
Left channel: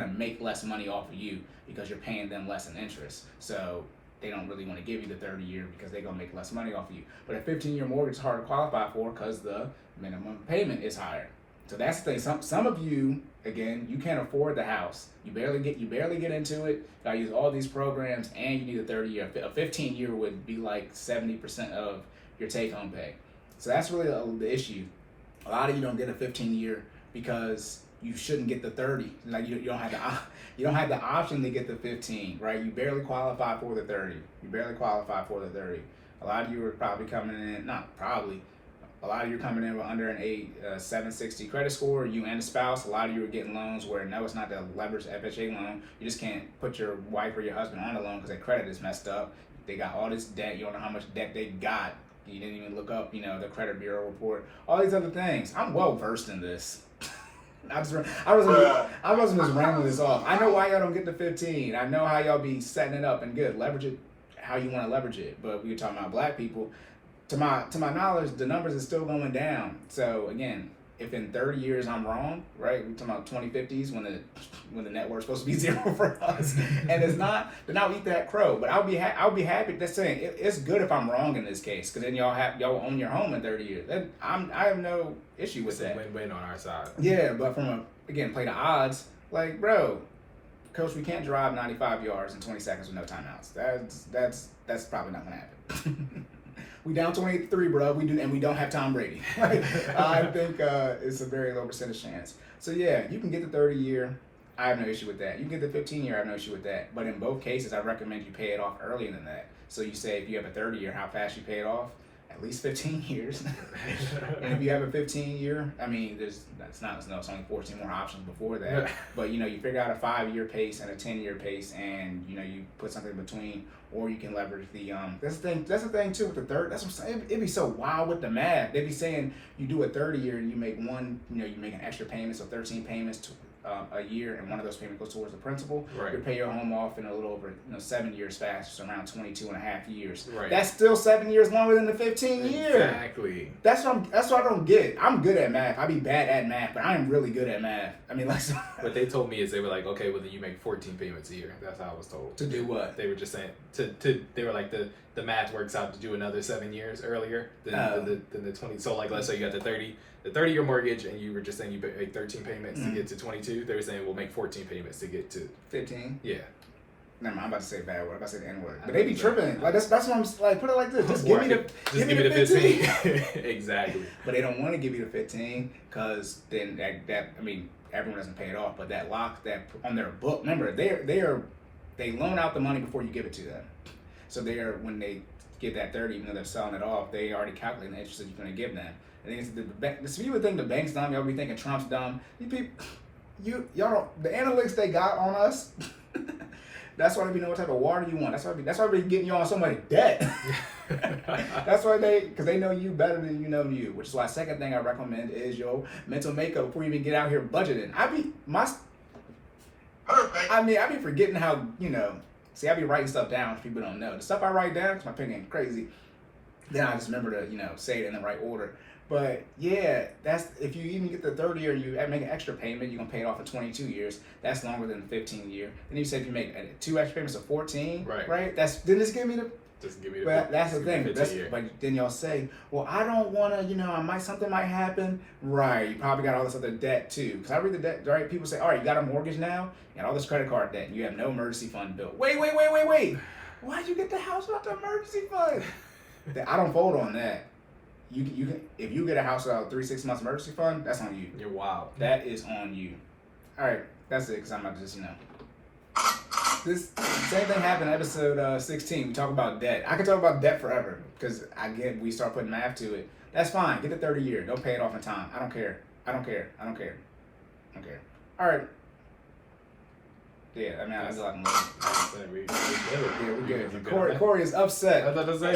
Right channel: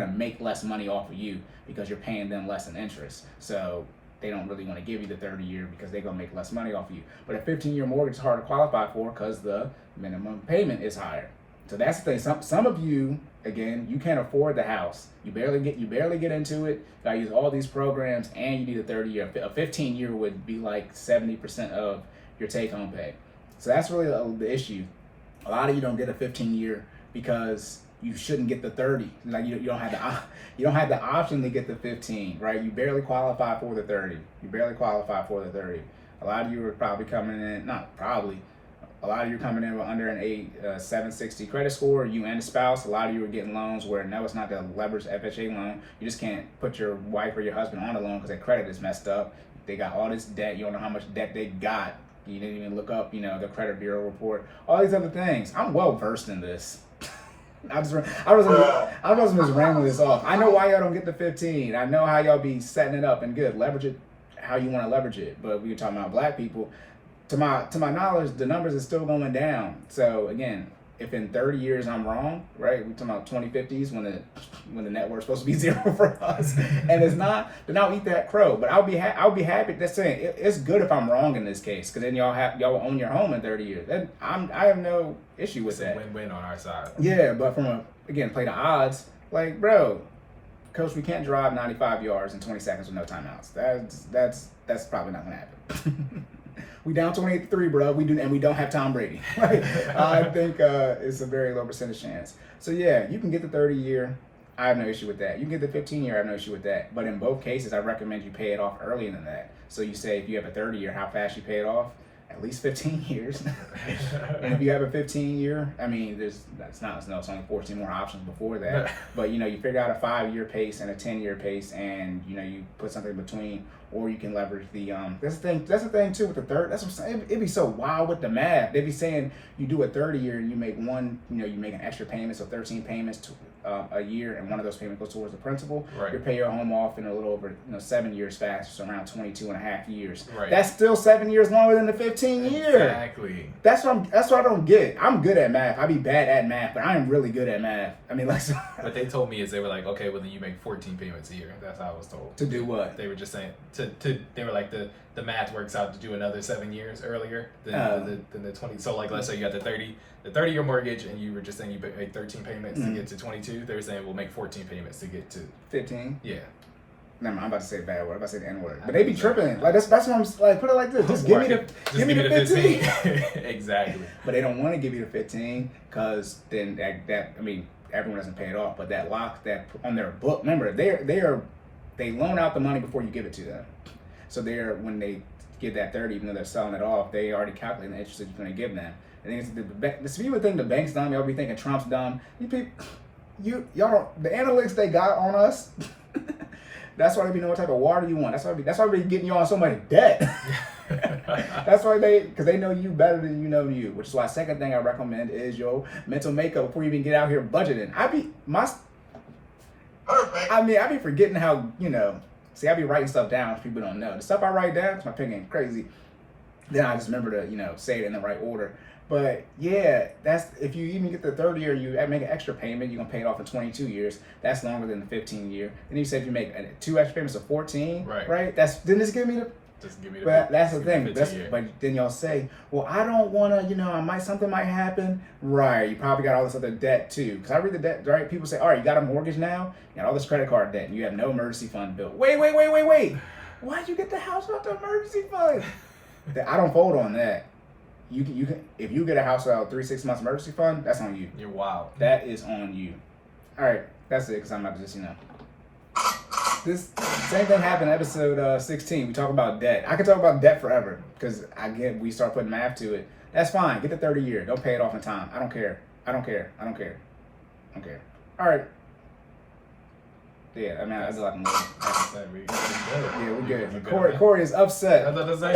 make less money off of you because you're paying them less in interest. So they don't really want to give you the 30 year because they're going to make less money off of you. But a 15-year mortgage is hard to qualify for because the minimum payment is higher. So that's the thing. Some of you, again, you can't afford the house. You barely get into it. You got to use all these programs, and you need a 30 year. A 15 year would be like 70% of your take home pay. So that's really the issue. A lot of you don't get a 15 year because you shouldn't get the 30. Like you don't have the option to get the 15, right? You barely qualify for the 30. A lot of you are probably coming in, not probably, a lot of you are coming in with under an 760 credit score, you and a spouse. A lot of you are getting loans where no, it's not the leveraged FHA loan. You just can't put your wife or your husband on the loan because their credit is messed up. They got all this debt. You don't know how much debt they got. You didn't even look up, the credit bureau report. All these other things. I'm well versed in this. I was just rambling this off. I know why y'all don't get the 15. I know how y'all be setting it up and good. Leverage it how you want to leverage it. But we were talking about black people. To my knowledge, the numbers are still going down. So again, if in 30 years I'm wrong, right? We're talking about 2050s when the net worth's supposed to be 0 for us, and it's not. Then I'll eat that crow. But I'll be happy. That's saying it's good if I'm wrong in this case, because then y'all own your home in 30 years. Then I have no issue with that. It's a win-win on our side. Yeah, but play the odds. Like, bro, coach, we can't drive 95 yards in 20 seconds with no timeouts. That's probably not gonna happen. We down 28-3, bro. We don't have Tom Brady. I think it's a very low percentage chance. So yeah, you can get the 30 year. I have no issue with that. You can get the 15 year. I have no issue with that. But in both cases, I recommend you pay it off earlier than that. So you say if you have a 30 year, how fast you pay it off? At least 15 years. And if you have a 15 year, it's only 14 more options before that. But you figure out a 5-year pace and a 10-year pace, and you put something between, or you can leverage the that's the thing too with the third. That's what I'm saying. It'd be so wild with the math. They'd be saying you do a 30 year and you make you make an extra payment, so 13 payments, a year, and one of those payments goes towards the principal, Right. you pay your home off in a little over 7 years fast, so around 22 and a half years. Right. That's still 7 years longer than the 15 year. Exactly. That's what I don't get. I'm good at math. I be bad at math, but I am really good at math. I mean, like, What they told me is they were like, okay, well then you make 14 payments a year. That's how I was told. to do what? They were just saying they were like the math works out to do another 7 years earlier than the 20. So like let's say you got the 30-year mortgage, and you were just saying you make 13 payments to get to 22. They were saying we'll make 14 payments to get to 15. Yeah. Never mind, I'm about to say a bad word. I'm about to say the N word. But they be tripping. Like that's what I'm like. Put it like this. Just give me the 15. Exactly. But they don't want to give you the 15 because then that I mean everyone doesn't pay it off. But that lock that on their book. Remember they loan out the money before you give it to them. So when they get that 30, even though they're selling it off, they already calculate the interest that you're going to give them. And then the people think the bank's dumb. Y'all be thinking Trump's dumb. You people, y'all, the analytics they got on us. That's why they be knowing what type of water you want. That's why we getting you on so much debt. That's why because they know you better than you know you. Which is why second thing I recommend is your mental makeup before you even get out here budgeting. I be forgetting how See, I be writing stuff down which people don't know. The stuff I write down, because my pen getting crazy. Then I just remember to say it in the right order. But yeah, that's if you even get the 30 year, you make an extra payment, you're gonna pay it off in 22 years. That's longer than the 15 year. And you said you make 2 extra payments of 14, right? Then just give me the. Just give me the. But that's the thing. The but then y'all say, well, I don't wanna, something might happen. Right? You probably got all this other debt too. Because I read the debt. Right? People say, all right, you got a mortgage now, you got all this credit card debt, and you have no emergency fund bill. Wait. Why'd you get the house out the emergency fund? I don't fold on that. You can if you get a house out 3-6 months emergency fund, that's on you. You're wild. That is on you. All right, that's it. Cause I'm about to just this same thing happened in episode 16. We talk about debt. I could talk about debt forever because we start putting math to it. That's fine. Get the 30 year. Don't pay it off in time. I don't care. All right. Yeah, I mean, that's a lot more. We good. Yeah, we're good. Cory is upset. I was about to say,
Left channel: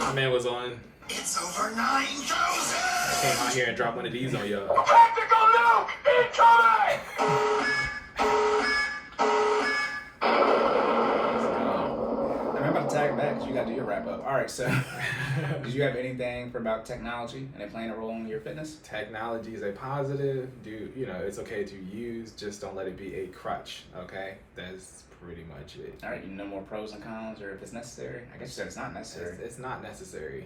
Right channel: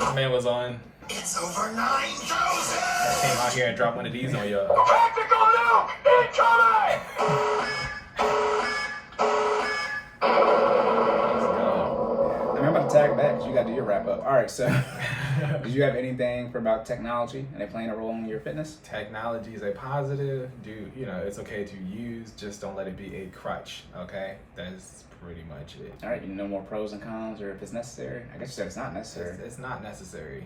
my man was on. It's over 9,000. I came out here and dropped one of these on y'all. Tactical nuke incoming! Let's go. I'm about to tag back because you got to do your wrap up. All right, so did you have anything about technology and they playing a role in your fitness? Technology is a positive. It's okay to use. Just don't let it be a crutch. Okay, that's pretty much it. All right, you know more pros and cons, or if it's necessary. I guess you said it's not necessary. It's not necessary.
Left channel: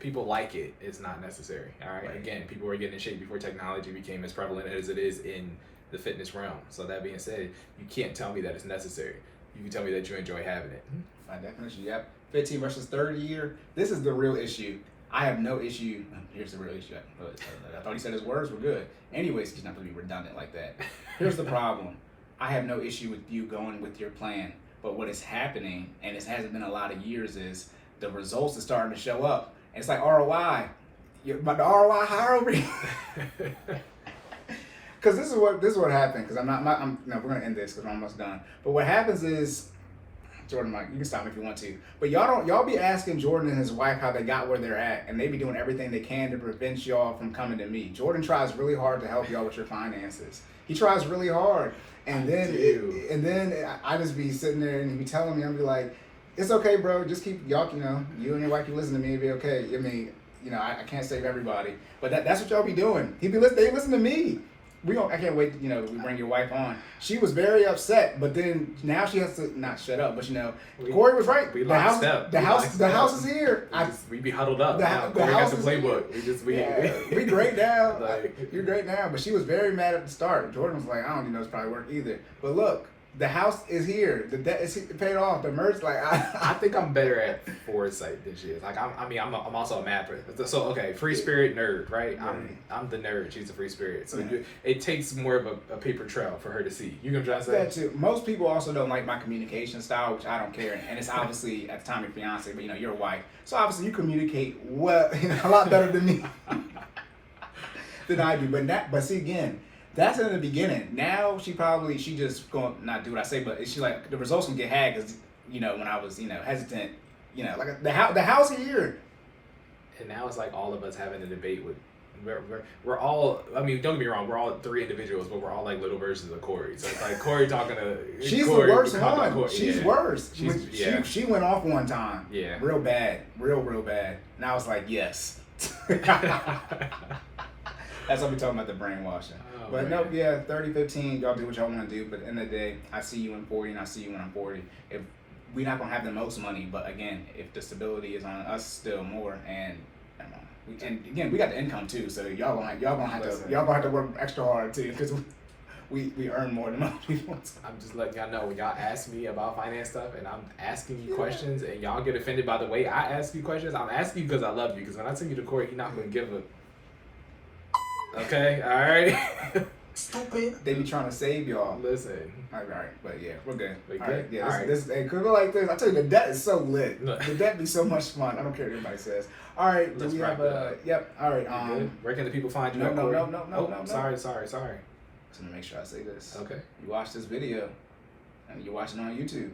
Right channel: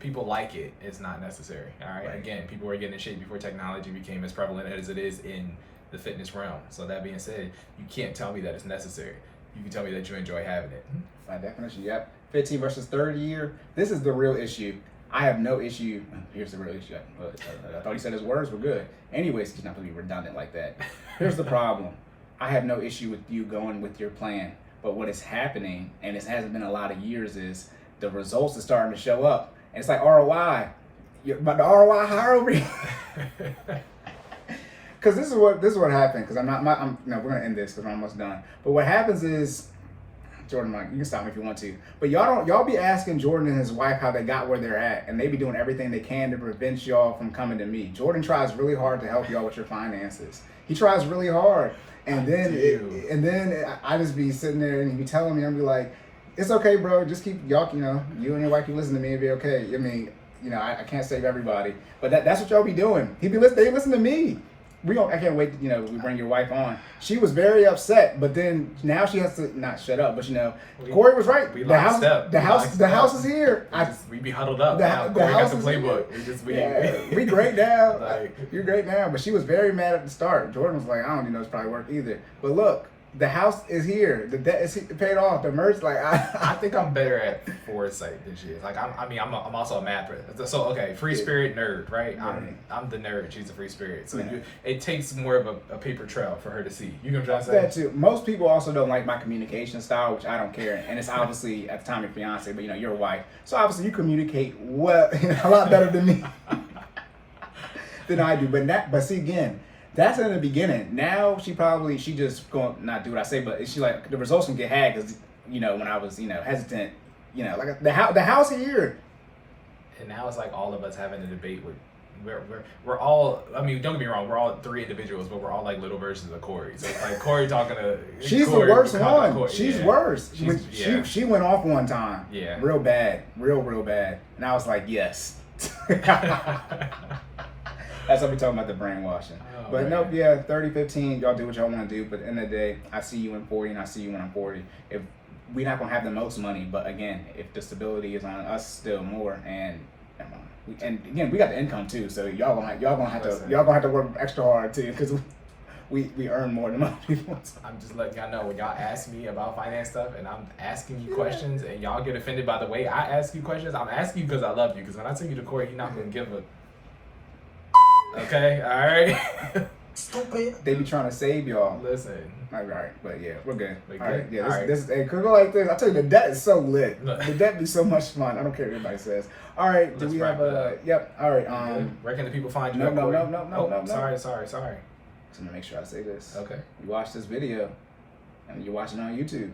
People like it. It's not necessary. All right. Again, people were getting in shape before technology became as prevalent as it is in the fitness realm. So that being said, you can't tell me that it's necessary. You can tell me that you enjoy having it. By definition, yep. 15 versus 30 year. This is the real issue. I have no issue. Here's the real issue. I thought he said his words were good. Anyways, he's not going to be redundant like that. Here's the problem. I have no issue with you going with your plan. But what is happening, and it hasn't been a lot of years, is the results are starting to show up. And it's like ROI. But the ROI higher over here. Because this is what happened. Because we're going to end this because we're almost done. But what happens is, Jordan, Mike, you can stop me if you want to. But y'all be asking Jordan and his wife how they got where they're at, and they be doing everything they can to prevent y'all from coming to me. Jordan tries really hard to help y'all with your finances. He tries really hard, and then I just be sitting there and he be telling me, I'll be like, it's okay, bro. Just keep y'all, you and your wife keep listening to me, it'll be okay. I mean, I can't save everybody, but that's what y'all be doing. They listen to me. I can't wait to, we bring your wife on. She was very upset, but then now she has to not shut up, but Cory was right. We locked up. The house is here. We be huddled up. Cory has the playbook. We great now. You're great now. But she was very mad at the start. Jordan was like, I don't even know it's probably work either. But look, the house is here. The debt is paid off. The merch, I think I'm better at foresight than she is. I'm also a math person. So okay, free spirit nerd, right? I'm the nerd. She's a free spirit. So it takes more of a paper trail for her to see. You know what I'm trying to say? That too. Most people also don't like my communication style, which I don't care. And it's obviously at the time your fiance, but you're a wife, so obviously you communicate well, a lot better than me than I do. But see again. That's in the beginning. Now she just going to not do what I say, but she like the results can get had because when I was hesitant, like the house here. And now it's like all of us having a debate with We're all. I mean, don't get me wrong. We're all 3 individuals, but we're all like little versions of Cory. So it's like Cory talking to. She's Cory, the worst talking to one. Cory. She's Yeah. worse. She's, She went off one time. Yeah. Real bad. Real bad. And I was like, yes. That's what we talking about, the brainwashing. Oh, But man. nope, yeah, 30-15, y'all do what y'all want to do. But at the end of the day, I see you in 40 and I see you when I'm 40. If we're not gonna have the most money, but again, if the stability is on us still more, and again, we got the income too, so y'all gonna have to work extra hard too, because we earn more than most people. I'm just letting y'all know when y'all ask me about finance stuff and I'm asking you questions and y'all get offended by the way I ask you questions, I'm asking you because I love you. Because when I send you to Cory, you're not gonna give a. Okay, all right. Stupid. They be trying to save y'all. Listen. All right, but yeah, we're good. We All right, good? yeah, All right. this could go like this. I tell you, the debt is so lit. Look. The debt be so much fun. I don't care what anybody says. All right, do Let's we wrap have it a? up. Yep. All right. You good? Where can the people find you no, at, no, Cory? no, no, no, Oh, no, no. sorry. Just gonna make sure I say this. Okay. You watch this video, and you watch it on YouTube,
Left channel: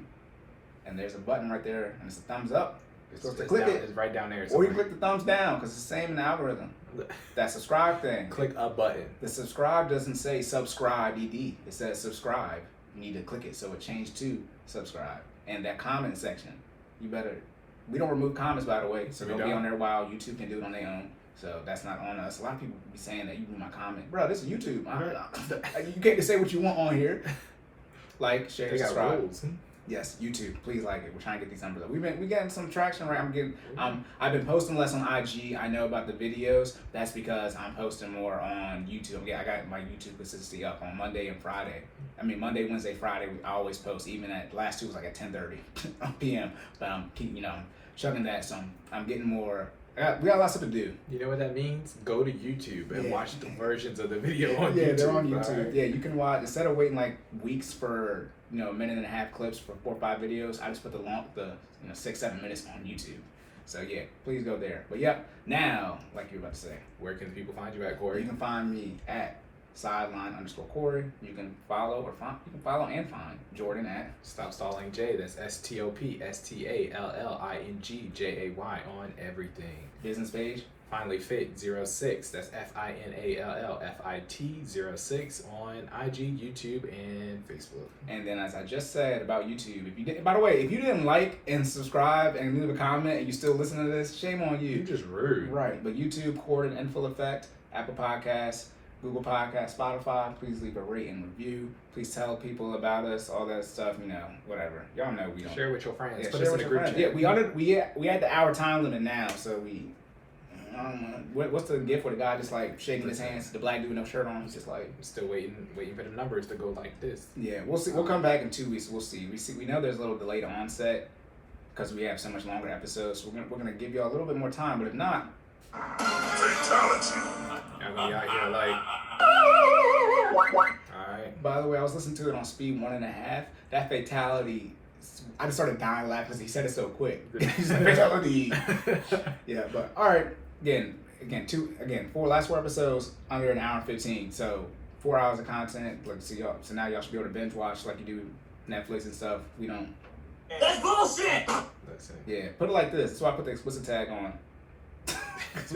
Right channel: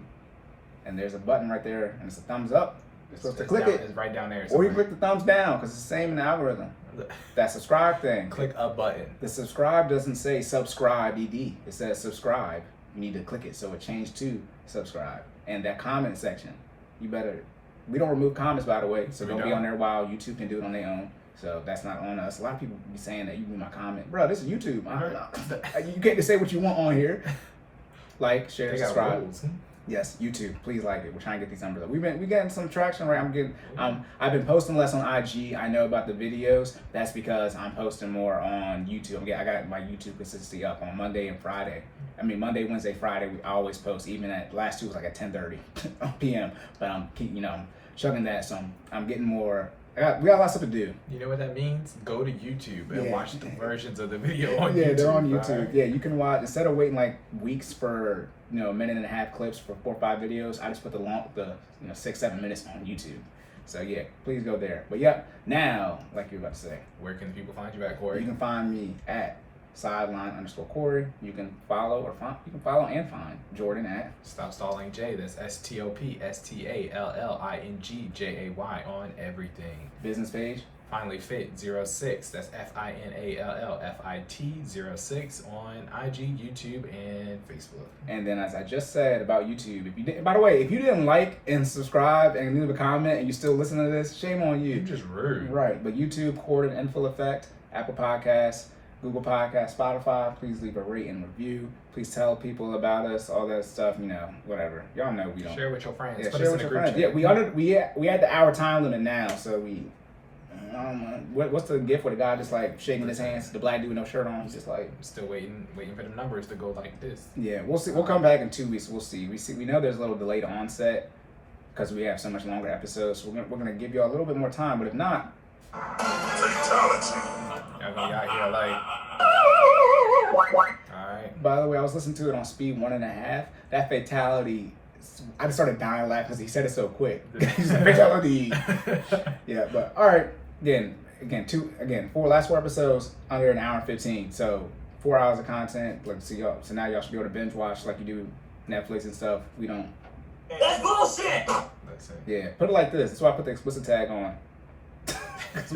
and there's a button right there, and it's a thumbs up. You're supposed to click down, it, It's right down there. or you somewhere. click the thumbs down because it's the same in the algorithm. That subscribe thing. Click a button. The subscribe doesn't say subscribe ed. It says subscribe. You need to click it so it changed to subscribe. And that comment section, you better. We don't remove comments, by the way, so We don't be don't. on there while YouTube can do it on their own. So that's not on us. A lot of people be saying that you do my comment, bro. This is YouTube. You can't just say what you want on here. Like, share, They got subscribe. rules. Yes, YouTube. Please like it. We're trying to get these numbers up. We getting some traction, right? I've been posting less on IG. I know about the videos. That's because I'm posting more on YouTube. I got my YouTube consistency up on Monday and Friday. I mean Monday, Wednesday, Friday. I always post. Even at last 2 was like at 10:30 p.m. But I'm chugging that. So I'm getting more. We got a lot of stuff to do. You know what that means? Go to YouTube and Yeah. watch the versions of the video on Yeah, YouTube. they're on YouTube. alright? Yeah, you can watch instead of waiting like weeks for a minute and a half clips for 4 or 5 videos. I just put the 6-7 minutes on YouTube. So yeah, please go there. But yeah, now like you're about to say, Where can people find you at, you Cory? can find me at sideline_Cory. You can follow and find Jordan at. Stop Stalling J. That's STOPSTALLINGJAY on everything. Business page. FinallyFit 06. That's FINALLFIT 06 on IG, YouTube, and Facebook. And then, as I just said about YouTube, by the way, if you didn't like and subscribe and leave a comment and you still listen to this, shame on you. You just rude. Right, but YouTube, Cordan, in full effect, Apple Podcasts, Google Podcasts, Spotify. Please leave a rate and review. Please tell people about us, all that stuff. Whatever. Y'all know we don't. Share with your friends. Yeah, Put share us in with the your group friends. chat. Yeah, we had the hour time limit now, so we. I don't know. What's the gift for the guy just like shaking his hands? The black dude with no shirt on. He's just like. Still waiting for them numbers to go like this. Yeah, we'll see. We'll come back in 2 weeks. We'll see. We know there's a little delayed onset because we have so much longer episodes. So we're gonna give you a little bit more time. But if not, Fatality. Y'all gonna be out here like. Alright. by the way, I was listening to it on speed 1.5. That fatality. I just started dying laughing because he said it so quick. He said fatality. Yeah, but all right. Again, 4 episodes under an hour and 15. So 4 hours of content. Let's see y'all. So now y'all should be able to binge watch like you do Netflix and stuff. We don't. That's bullshit. Let's see. Yeah, put it like this. That's why I put the explicit tag on. 'Cause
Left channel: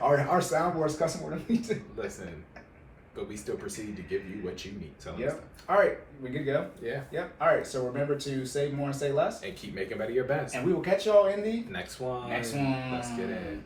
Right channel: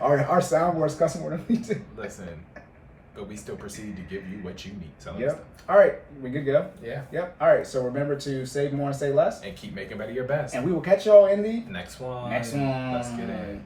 our soundboard's cussing more than we do. Listen, but we still proceed to give you what you need. So Yep. All right, we good to go. yeah, Yep. All right. So remember to save more and say less. and keep making better your best. And we will catch y'all in the Next one. next one. Let's get in.